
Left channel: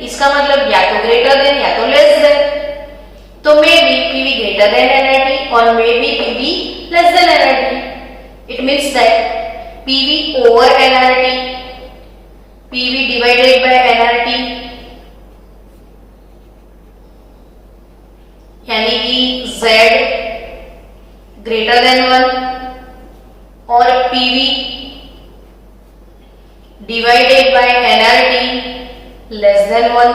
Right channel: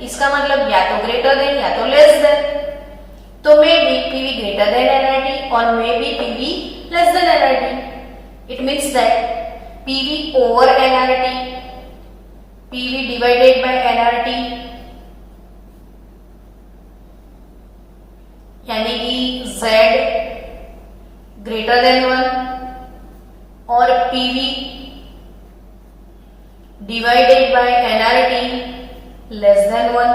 इसका मतलब या तो ग्रेटर देन या तो लेस देन। तो may be PV greater than nRT or maybe PV less than nRT. It means that PV over nRT, PV divided by nRT, यानी कि Z greater than 1 और PV divided by nRT less than 1।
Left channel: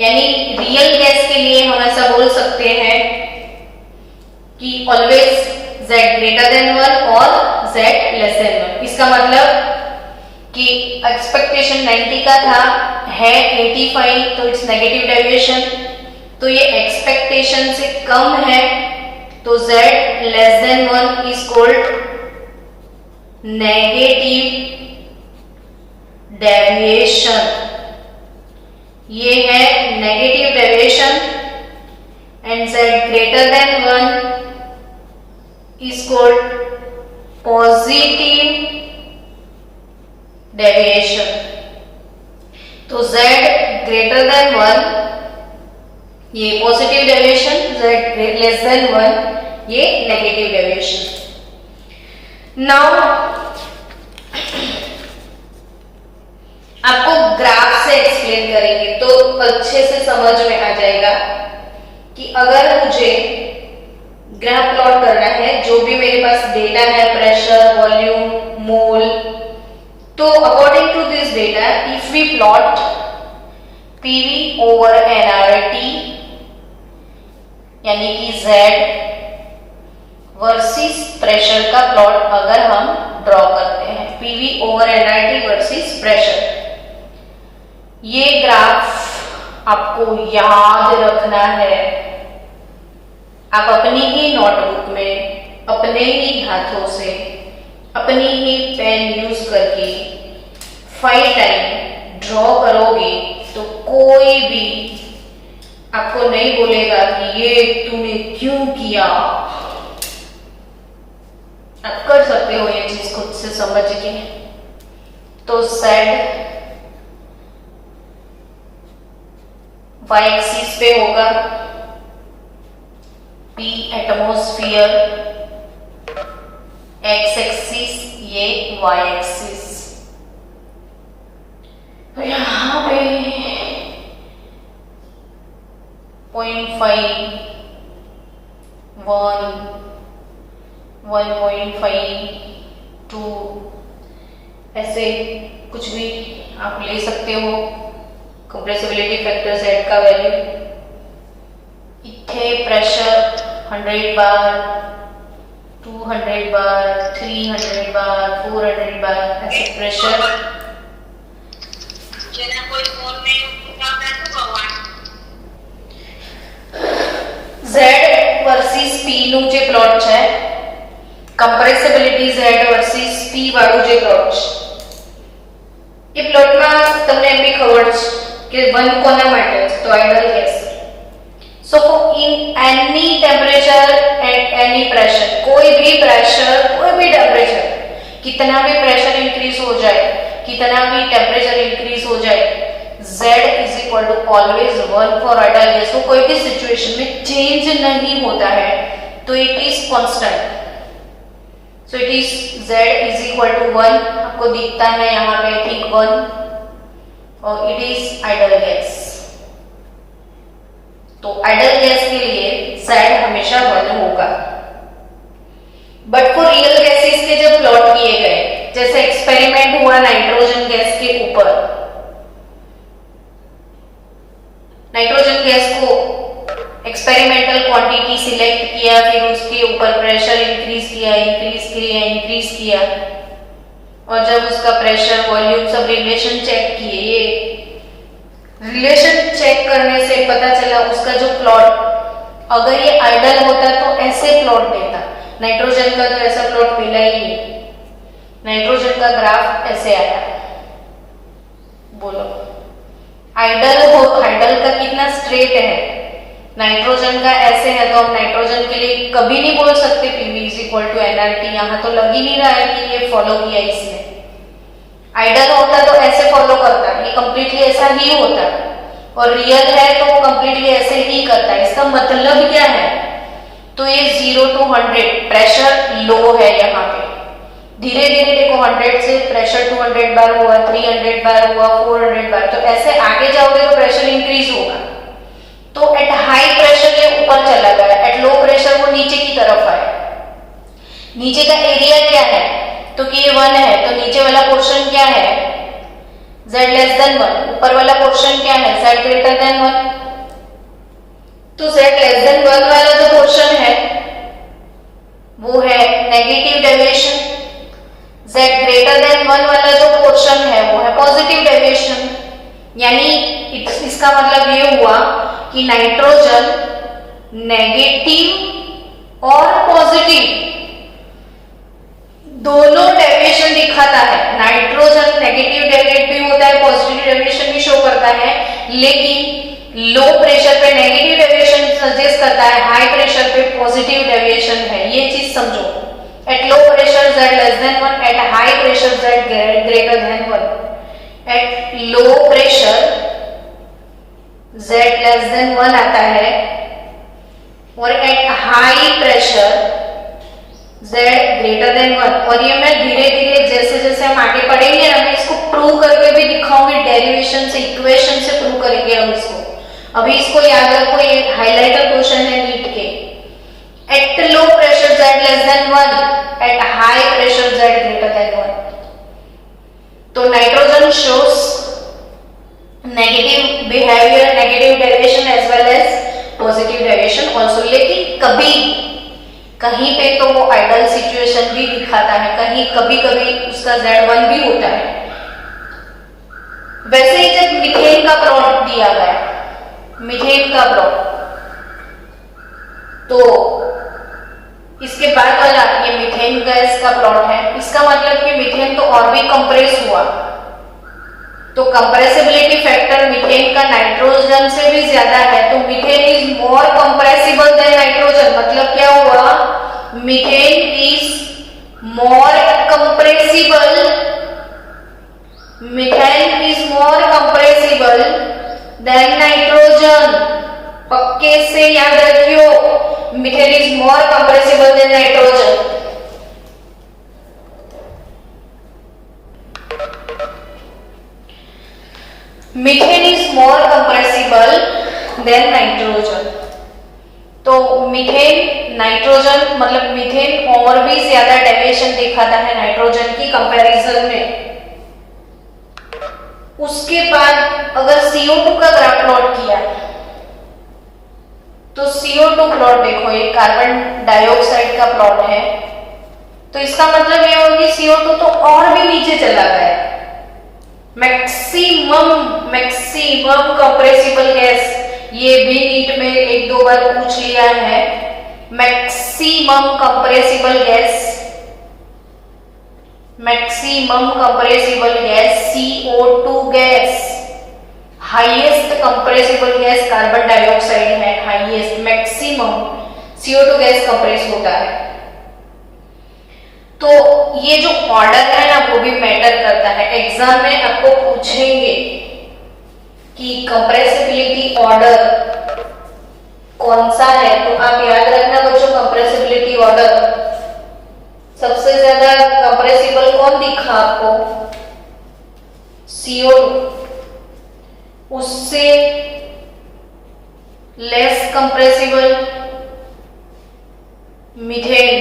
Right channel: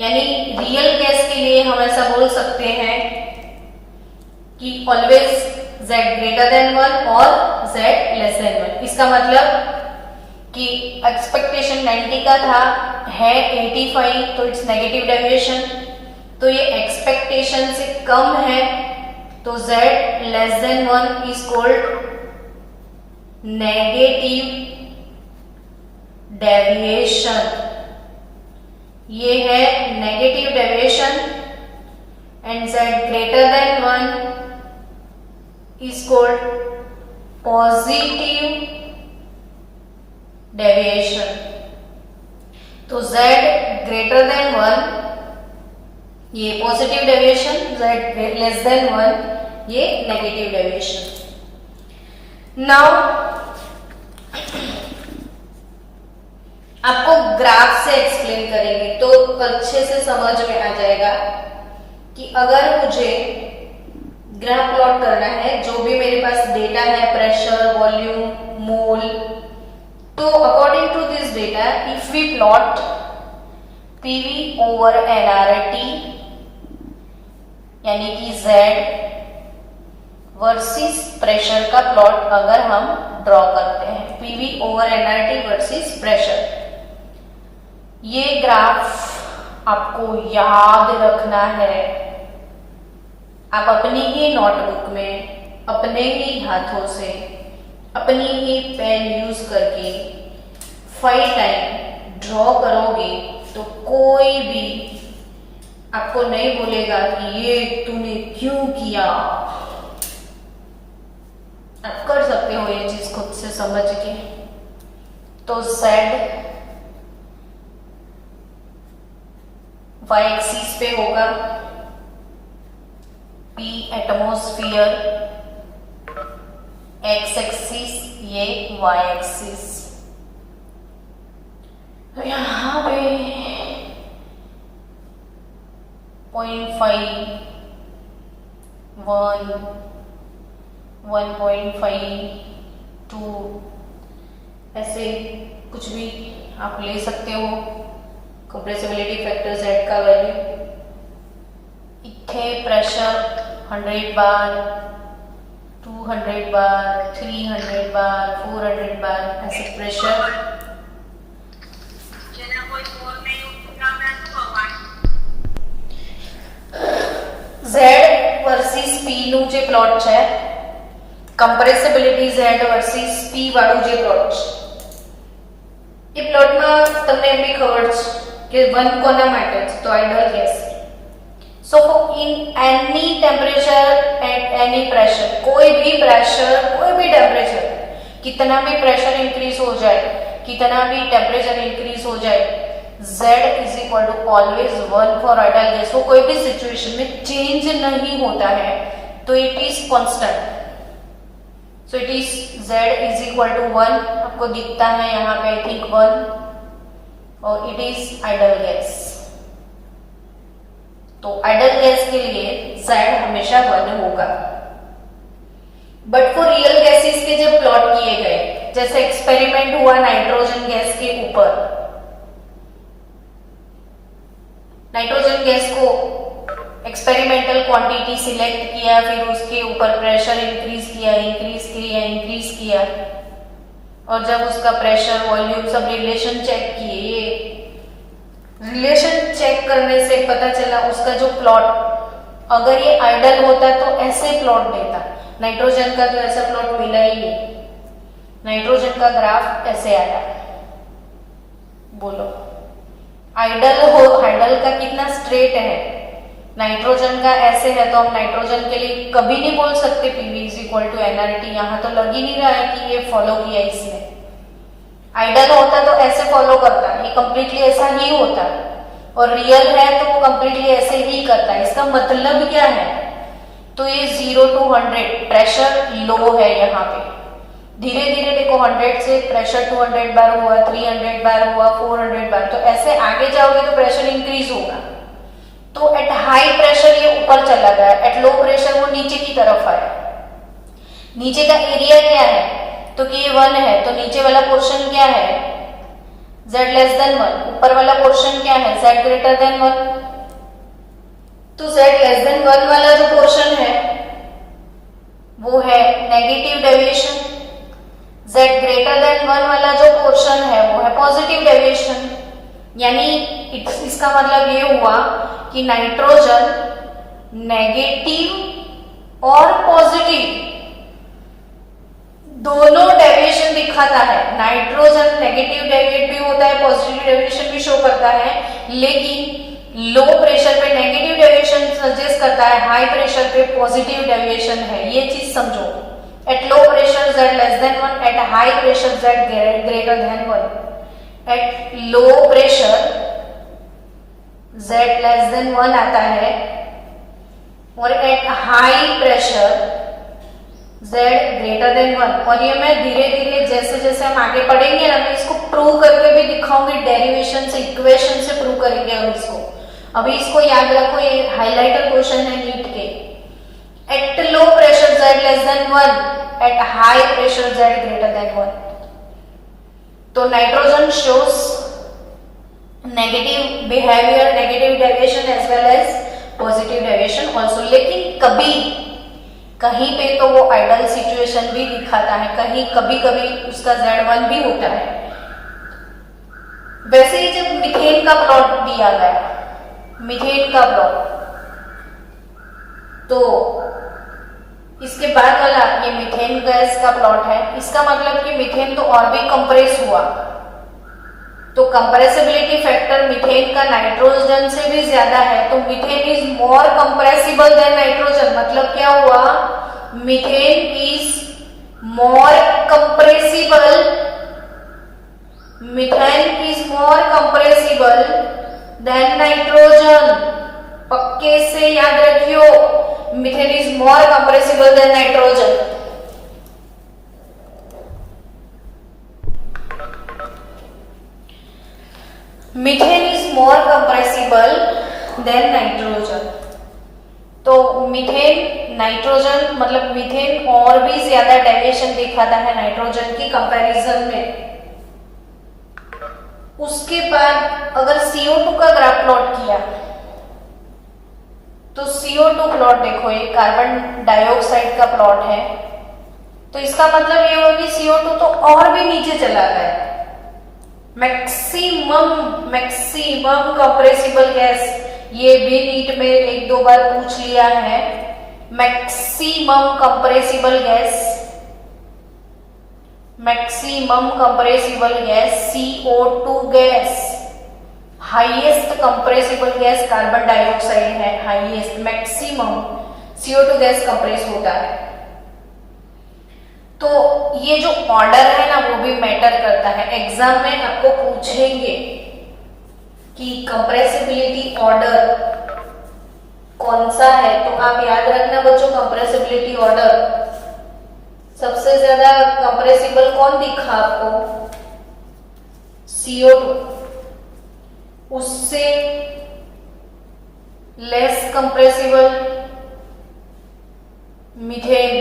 यानी real gas के लिए हम ऐसा बोल सकते हैं कि ऑलवेज Z ग्रेटर देन 1 और Z लेस देन 1। इसका मतलब कि एक्सपेक्टेशन 90 का था, है 85, तो इट्स नेगेटिव डेविएशन। तो ये एक्सपेक्टेशन से कम है, तो Z less than 1 is called negative deviation. ये है negative deviation and Z greater than 1 is called positive deviation. तो Z ग्रेटर देन 1 ये positive deviation, Z less than 1 ये नेगेटिव डेविएशन। नाउ आपको ग्राफ से एक्सप्लेन करेंगे तो अच्छे से समझ में आ जाएगा कि अगर मुझे ग्राफ प्लॉट करना है, जो भी मेरे पास डेटा है, प्रेशर, वॉल्यूम, मोल, तो according to this data if we plot PV over nRT यानी कि Z वर्सेस प्रेशर का प्लॉट अगर हम ड्रॉ करते हैं, PV over nRT versus pressure, ये ग्राफ आपको याद रखना है। आप अपनी ही नोटबुक में अपने ही हाथों से अपनी ही पेन यूज करके 5 टाइम ड्रॉ करोगे तो कोई भी आपको नहीं बोलेगा कि ये तूने क्यों किया। आप कर सकते हो ये चीज खुद से समझ के। तो Z y एक्सिस पे होगा P एटमॉस्फेयर, x एक्सिस, ये y एक्सिस। तो यहाँ पे 0.5, 1, 1.5, 2 ऐसे कुछ भी आप ले सकते हो कंप्रेसिबिलिटी फैक्टर Z का वैल्यू। इथे प्रेशर 100 बार, 200 बार, 300 बार, 400 बार ऐसे प्रेशर। Z वर्सेस P નું જે પ્લોટ છે, કમ્પ્રેસિબિલિટી Z વર્सेस P વાળું જે પ્લોટ છે, એ પ્લોટમાં તમને એમ બી ખબર છે કે 1 કોના માટે છે, તો ideal gas. So in any temperature at any pressure, कोई भी प्रेशर, कोई भी टेम्परेचर, कितना भी प्रेशर इंक्रीज हो जाए, कितना भी टेम्परेचर इंक्रीज हो जाए, Z is equal to always 1 for idol gas. तो कोई भी सिचुएशन में चेंज नहीं होता है, तो it is constant. So it is Z is equal to 1, आपको दिखता है यहाँ पे आई थिंक 1, और इट इज आइडल गैस। तो आइडल गैस के लिए Z हमेशा 1 होगा। बट फॉर रियल गैसेस के जब प्लॉट किए गए, जैसे एक्सपेरिमेंट हुआ नाइट्रोजन गैस के ऊपर, नाइट्रोजन गैस को एक्सपेरिमेंटल क्वांटिटी सिलेक्ट किया, फिर उसके ऊपर प्रेशर इंक्रीज किया, और जब उसका प्रेशर वॉल्यूम सब रिलेशन चेक किए, ये रिलेशन चेक करने से पता चला उसका जो प्लॉट, अगर ये आइडल होता तो ऐसे प्लॉट देता। नाइट्रोजन का तो ऐसा प्लॉट मिला ही नहीं, नाइट्रोजन का ग्राफ ऐसे आया। बोलो आइडल का कितना स्ट्रेट है, नाइट्रोजन का ऐसे है, तो हम नाइट्रोजन के लिए कभी नहीं बोल सकते PV = nRT। यहाँ तो लग ही नहीं रहा है कि ये फॉलो किया इसने। आइडल होता तो ऐसे फॉलो करता, ये कंप्लीटली ऐसा ही होता, और रियल है तो वो कंप्लीटली ऐसे ही करता है। इसका मतलब क्या है, तो ये 0 to 100 प्रेशर लो है यहाँ पे, धीरे धीरे देखो 100 से प्रेशर 200 बार हुआ, 300 बार हुआ, 400 बार, तो ऐसे आगे जाओगे तो प्रेशर इंक्रीज होगा। तो एट हाई प्रेशर ये ऊपर चला गया, एट लो प्रेशर वो नीचे की तरफ आया। नीचे का एरिया क्या है, तो कि ये 1 है, तो नीचे वाला पोर्शन क्या है, Z less than 1, ऊपर वाला पोर्शन क्या है, Z greater than 1। तो Z less than 1 वाला जो पोर्शन है वो है negative deviation, Z greater than 1 वाला जो पोर्शन है वो है पॉजिटिव डेविएशन। यानी इसका मतलब ये हुआ कि नाइट्रोजन नेगेटिव और पॉजिटिव दोनों डेविएशन दिखाता है। नाइट्रोजन नेगेटिव डेविएट भी होता है, पॉजिटिव डेविएशन भी शो करता है, लेकिन लो प्रेशर पे नेगेटिव डेविएशन सजेस्ट करता है, हाई प्रेशर पे पॉजिटिव डेविएशन है। ये चीज समझो, eight low pressure Z less than 1, at high pressure Z greater than 1। Eight low pressure Z less than 1 आता है, और eight high pressure Z greater than 1। और ये मैं धीरे धीरे जैसे जैसे हम आगे पढ़ेंगे ना, मैं इसको प्रूव करके भी दिखाऊंगी, डेरिवेशन से, इक्वेशन से प्रूव करेंगे हम इसको। अभी इसको याद रखो, ये हाइलाइटर क्वेश्चन है नीट के। At low pressure Z less than 1, at high pressure Z greater than 1। तो nitrogen shows negative behaviour, negative deviation as well as positive deviation also. लेकिन कभी कहीं पे तो वो आइडल सिचुएशन भी दिखाता है, कहीं कभी कभी उसका Z1 भी होता है। वैसे ही जब मीथेन का प्लॉट दिया गया, मीथेन का प्लॉट, तो इसके बाद वाला ये मीथेन गैस का प्लॉट है। इसका मतलब कि मीथेन तो और भी कंप्रेस हुआ, तो कंप्रेसिबिलिटी फैक्टर मीथेन का नाइट्रोजन से भी ज्यादा है, तो methane is more compressible than nitrogen. मतलब क्या हुआ, methane is more compressible, methane is more compressible than nitrogen. पक्के से याद रखियो, methane is more compressible than nitrogen. Methane is more compressible than nitrogen. तो मीथेन नाइट्रोजन मतलब मीथेन और भी ज्यादा डेविएशन दिखाता है नाइट्रोजन की कंपैरिजन में। उसके बाद अगर CO2 का ग्राफ प्लॉट किया तो CO2 प्लॉट देखो, ये कार्बन डाइऑक्साइड का प्लॉट है, तो इसका मतलब ये होगा कि CO2 तो और भी नीचे चला गया। मैक्सिमम कंप्रेसिबल गैस, ये भी नीट में एक दो बार पूछ लिया है। Maximum compressible gas CO2 gas, highest compressible gas carbon dioxide है, highest maximum CO2 gas compress होता है। तो ये जो ऑर्डर है ना वो भी मैटर करता है। एग्जाम में आपको पूछेंगे कि कंप्रेसिबिलिटी ऑर्डर कौन सा है, तो आप याद रखना बच्चों, कंप्रेसिबिलिटी ऑर्डर सबसे ज्यादा कंप्रेसिबल कौन दिखा आपको? CO2, उससे लेस कंप्रेसिबल मीथेन,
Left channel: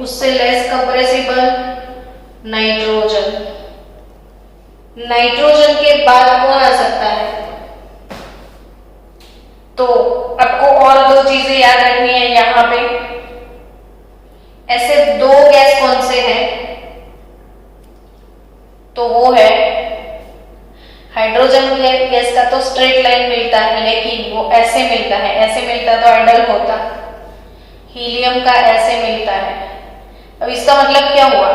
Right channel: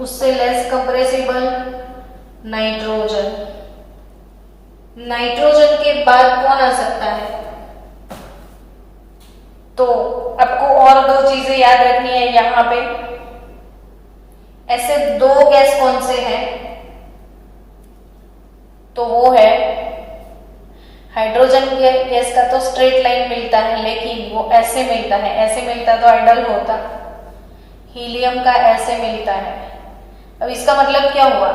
उससे लेस कंप्रेसिबल नाइट्रोजन। नाइट्रोजन के बाद कौन आ सकता है? तो आपको और दो चीजें याद रखनी है यहां पे। ऐसे दो गैस कौन से हैं? तो वो है हाइड्रोजन गैस का तो स्ट्रेट लाइन मिलता है, लेकिन वो ऐसे मिलता है, ऐसे मिलता तो आइडल होता। हीलियम का ऐसे मिलता है। अब इसका मतलब क्या हुआ?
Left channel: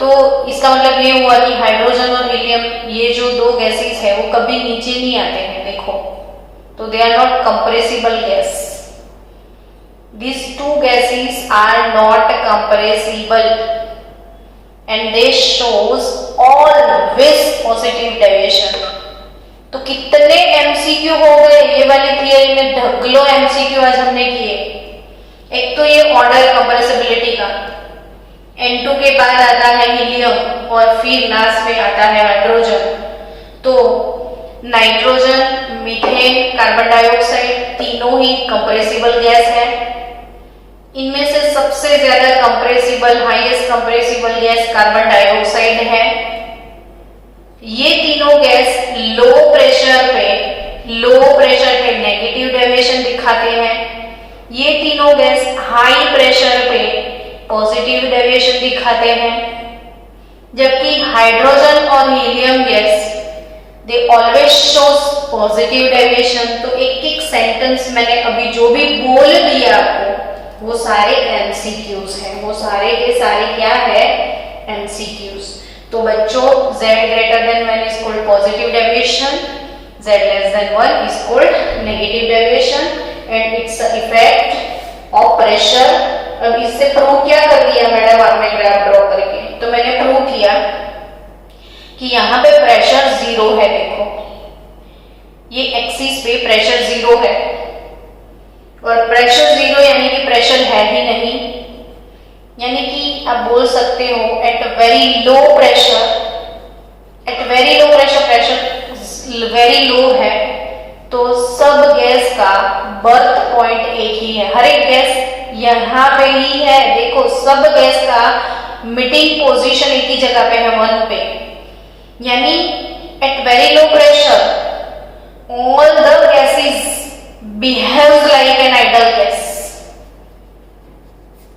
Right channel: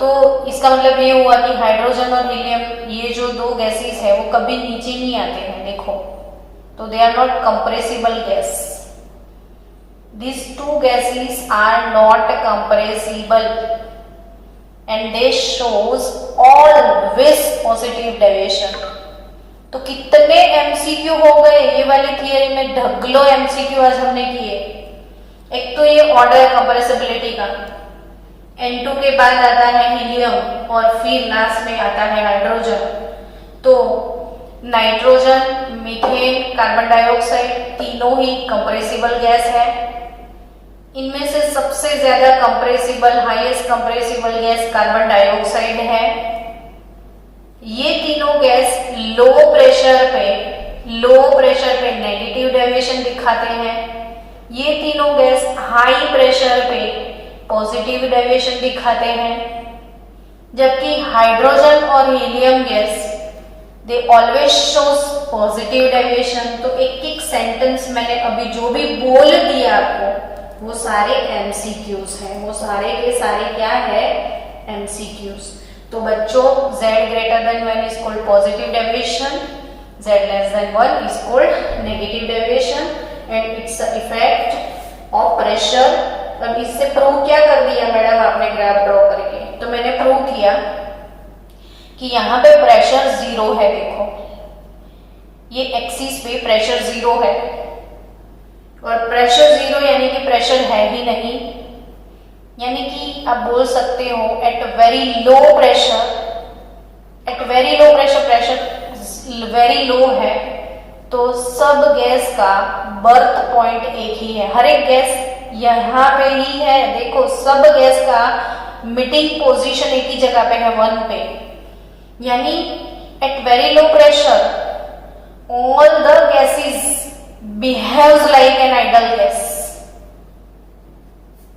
तो इसका मतलब ये हुआ कि हाइड्रोजन और हीलियम, ये जो दो गैसेस है वो कभी नीचे नहीं आते हैं, देखो, तो they are not compressible gas. These two gases are not compressible and they shows always positive deviation। तो कितने MCQ हो गए ये वाली थियरी में, ढगलो MCQ आज हमने किए। एक तो ये ऑर्डर कंप्रेसिबिलिटी का, N2 के बाद आता है हीलियम और फिर लास्ट में आता है हाइड्रोजन। तो नाइट्रोजन, मीथेन, कार्बन डाइऑक्साइड तीनों ही कंप्रेसिबल गैस है। इनमें से सबसे ज्यादा compressible, highest compressible gas carbon dioxide है। ये तीनों गैस लो प्रेशर पे नेगेटिव डेविएशन दिखाते हैं। ये तीनों गैस हाई प्रेशर पे पॉजिटिव डेविएशन दिखाते हैं। जबकि हाइड्रोजन और helium gas they always shows positive deviation. तो एक एक सेंटेंस मैंने अभी जो भी बोल दिया आपको वो सारे MCQs हैं, वो सारे के सारे क्या है? MCQs। तो बच्चों Z greater than 1 is called positive deviation, Z less than 1 is called negative deviation and it's the effect of pressure। अब इससे प्रूव क्या कर दिया मैडम आपने ग्राफ ड्रॉ करके? तो मैंने प्रूव किया कि यहाँ पे प्रेशर 0 है, देखो ये एक्सिस पे प्रेशर 0 है, और प्रेशर 0 यानी कि प्रेशर है ही नहीं, यानी कि आप बोल सकते हो at very low pressure, pressure very low है, तो सब गैस का बर्थ पॉइंट एक ही है। हर एक गैस यहाँ पे ही है, देखो सब गैस का मीटिंग पोजीशन एक ही जगह पे है, 1 पे। यानी at very low pressure all the gases behaves like an ideal gas.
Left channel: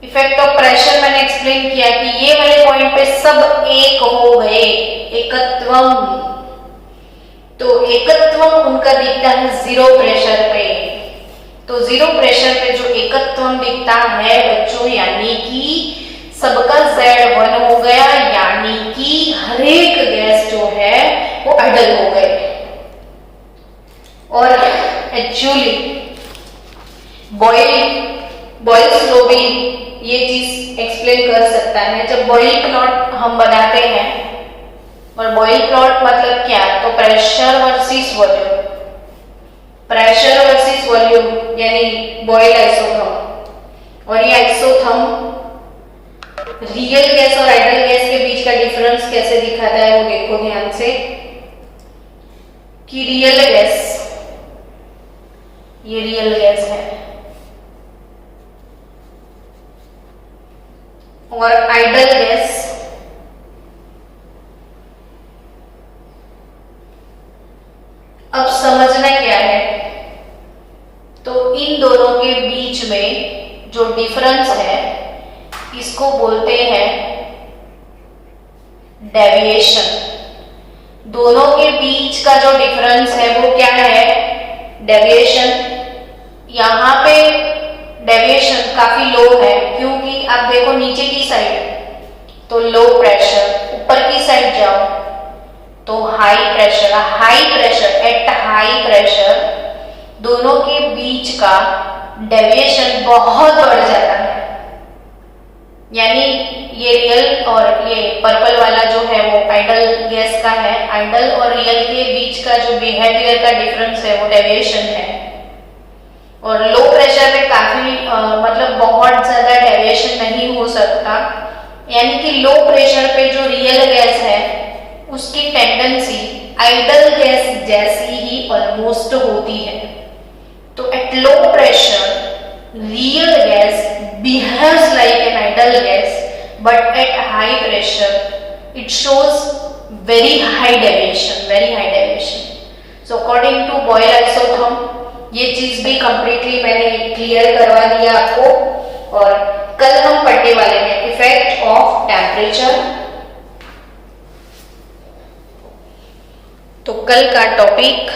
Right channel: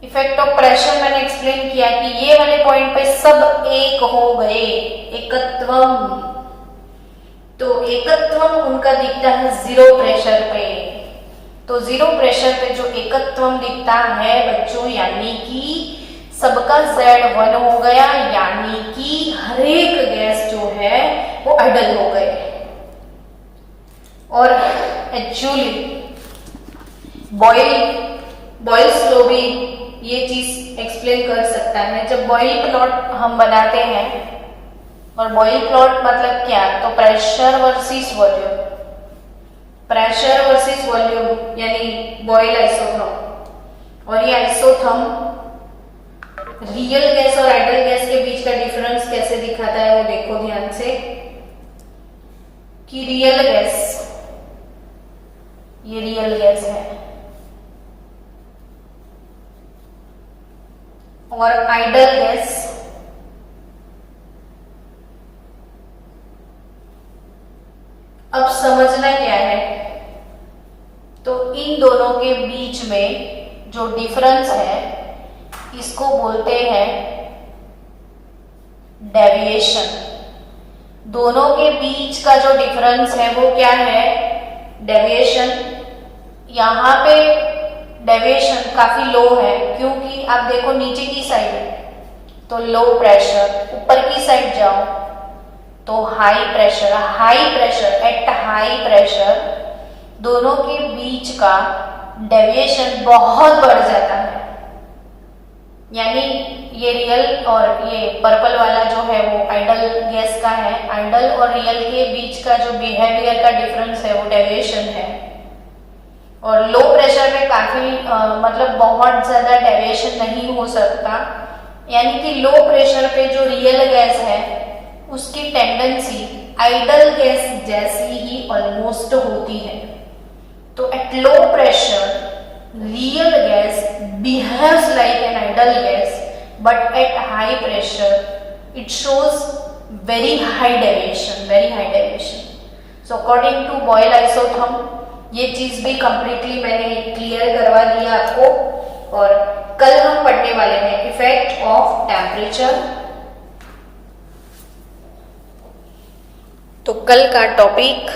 Effect of pressure मैंने एक्सप्लेन किया कि ये वाले पॉइंट पे सब एक हो गए, एकत्वम। तो एकत्वम उनका दिखता है 0 प्रेशर पे। तो 0 प्रेशर पे जो एकत्वम दिखता है बच्चों, यानी कि सबका Z1 हो गया, यानी कि हर एक गैस जो है वो आइडल हो गए। और एक्चुअली बॉयल्स लॉ भी ये चीज एक्सप्लेन कर सकता है। जब बॉयल प्लॉट हम बनाते हैं, और बॉयल प्लॉट मतलब क्या? तो प्रेशर वर्सेस वॉल्यूम, यानी बॉयल आइसोटोप। और ये आइसोथर्म रियल गैस और आइडल गैस के बीच का डिफरेंस कैसे दिखाता है वो देखो ध्यान से कि रियल गैस, ये रियल गैस है और आइडल गैस अब समझना क्या है, तो इन दोनों के बीच में जो डिफरेंस है इसको बोलते हैं डेविएशन। दोनों के बीच का जो डिफरेंस है वो क्या है, डेविएशन। यहां पे डेविएशन काफी लो है क्योंकि आप देखो नीचे की साइड तो लो प्रेशर, ऊपर की साइड जाओ तो high pressure. High pressure, eight high pressure दोनों के बीच का डेविएशन बहुत बढ़ जाता है। यानी ये रियल और ये पर्पल वाला जो है वो आइडल गैस का है, आइडल और रियल के बीच का जो बिहेवियर का डिफरेंस है वो डेविएशन है। और लो प्रेशर पे काफी मतलब बहुत ज्यादा डेविएशन नहीं हो सकता, यानी कि लो प्रेशर पे जो रियल गैस है उसकी टेंडेंसी आइडल गैस जैसी ही ऑलमोस्ट होती है। तो at low pressure real gas behaves like an ideal gas, but at high pressure it shows very high deviation, very high deviation. So according to Boyle isotherm ये चीज भी completely मैंने clear करवा दिया आपको। और कल हम पढ़ने वाले हैं इफेक्ट ऑफ टेम्परेचर। तो कल का टॉपिक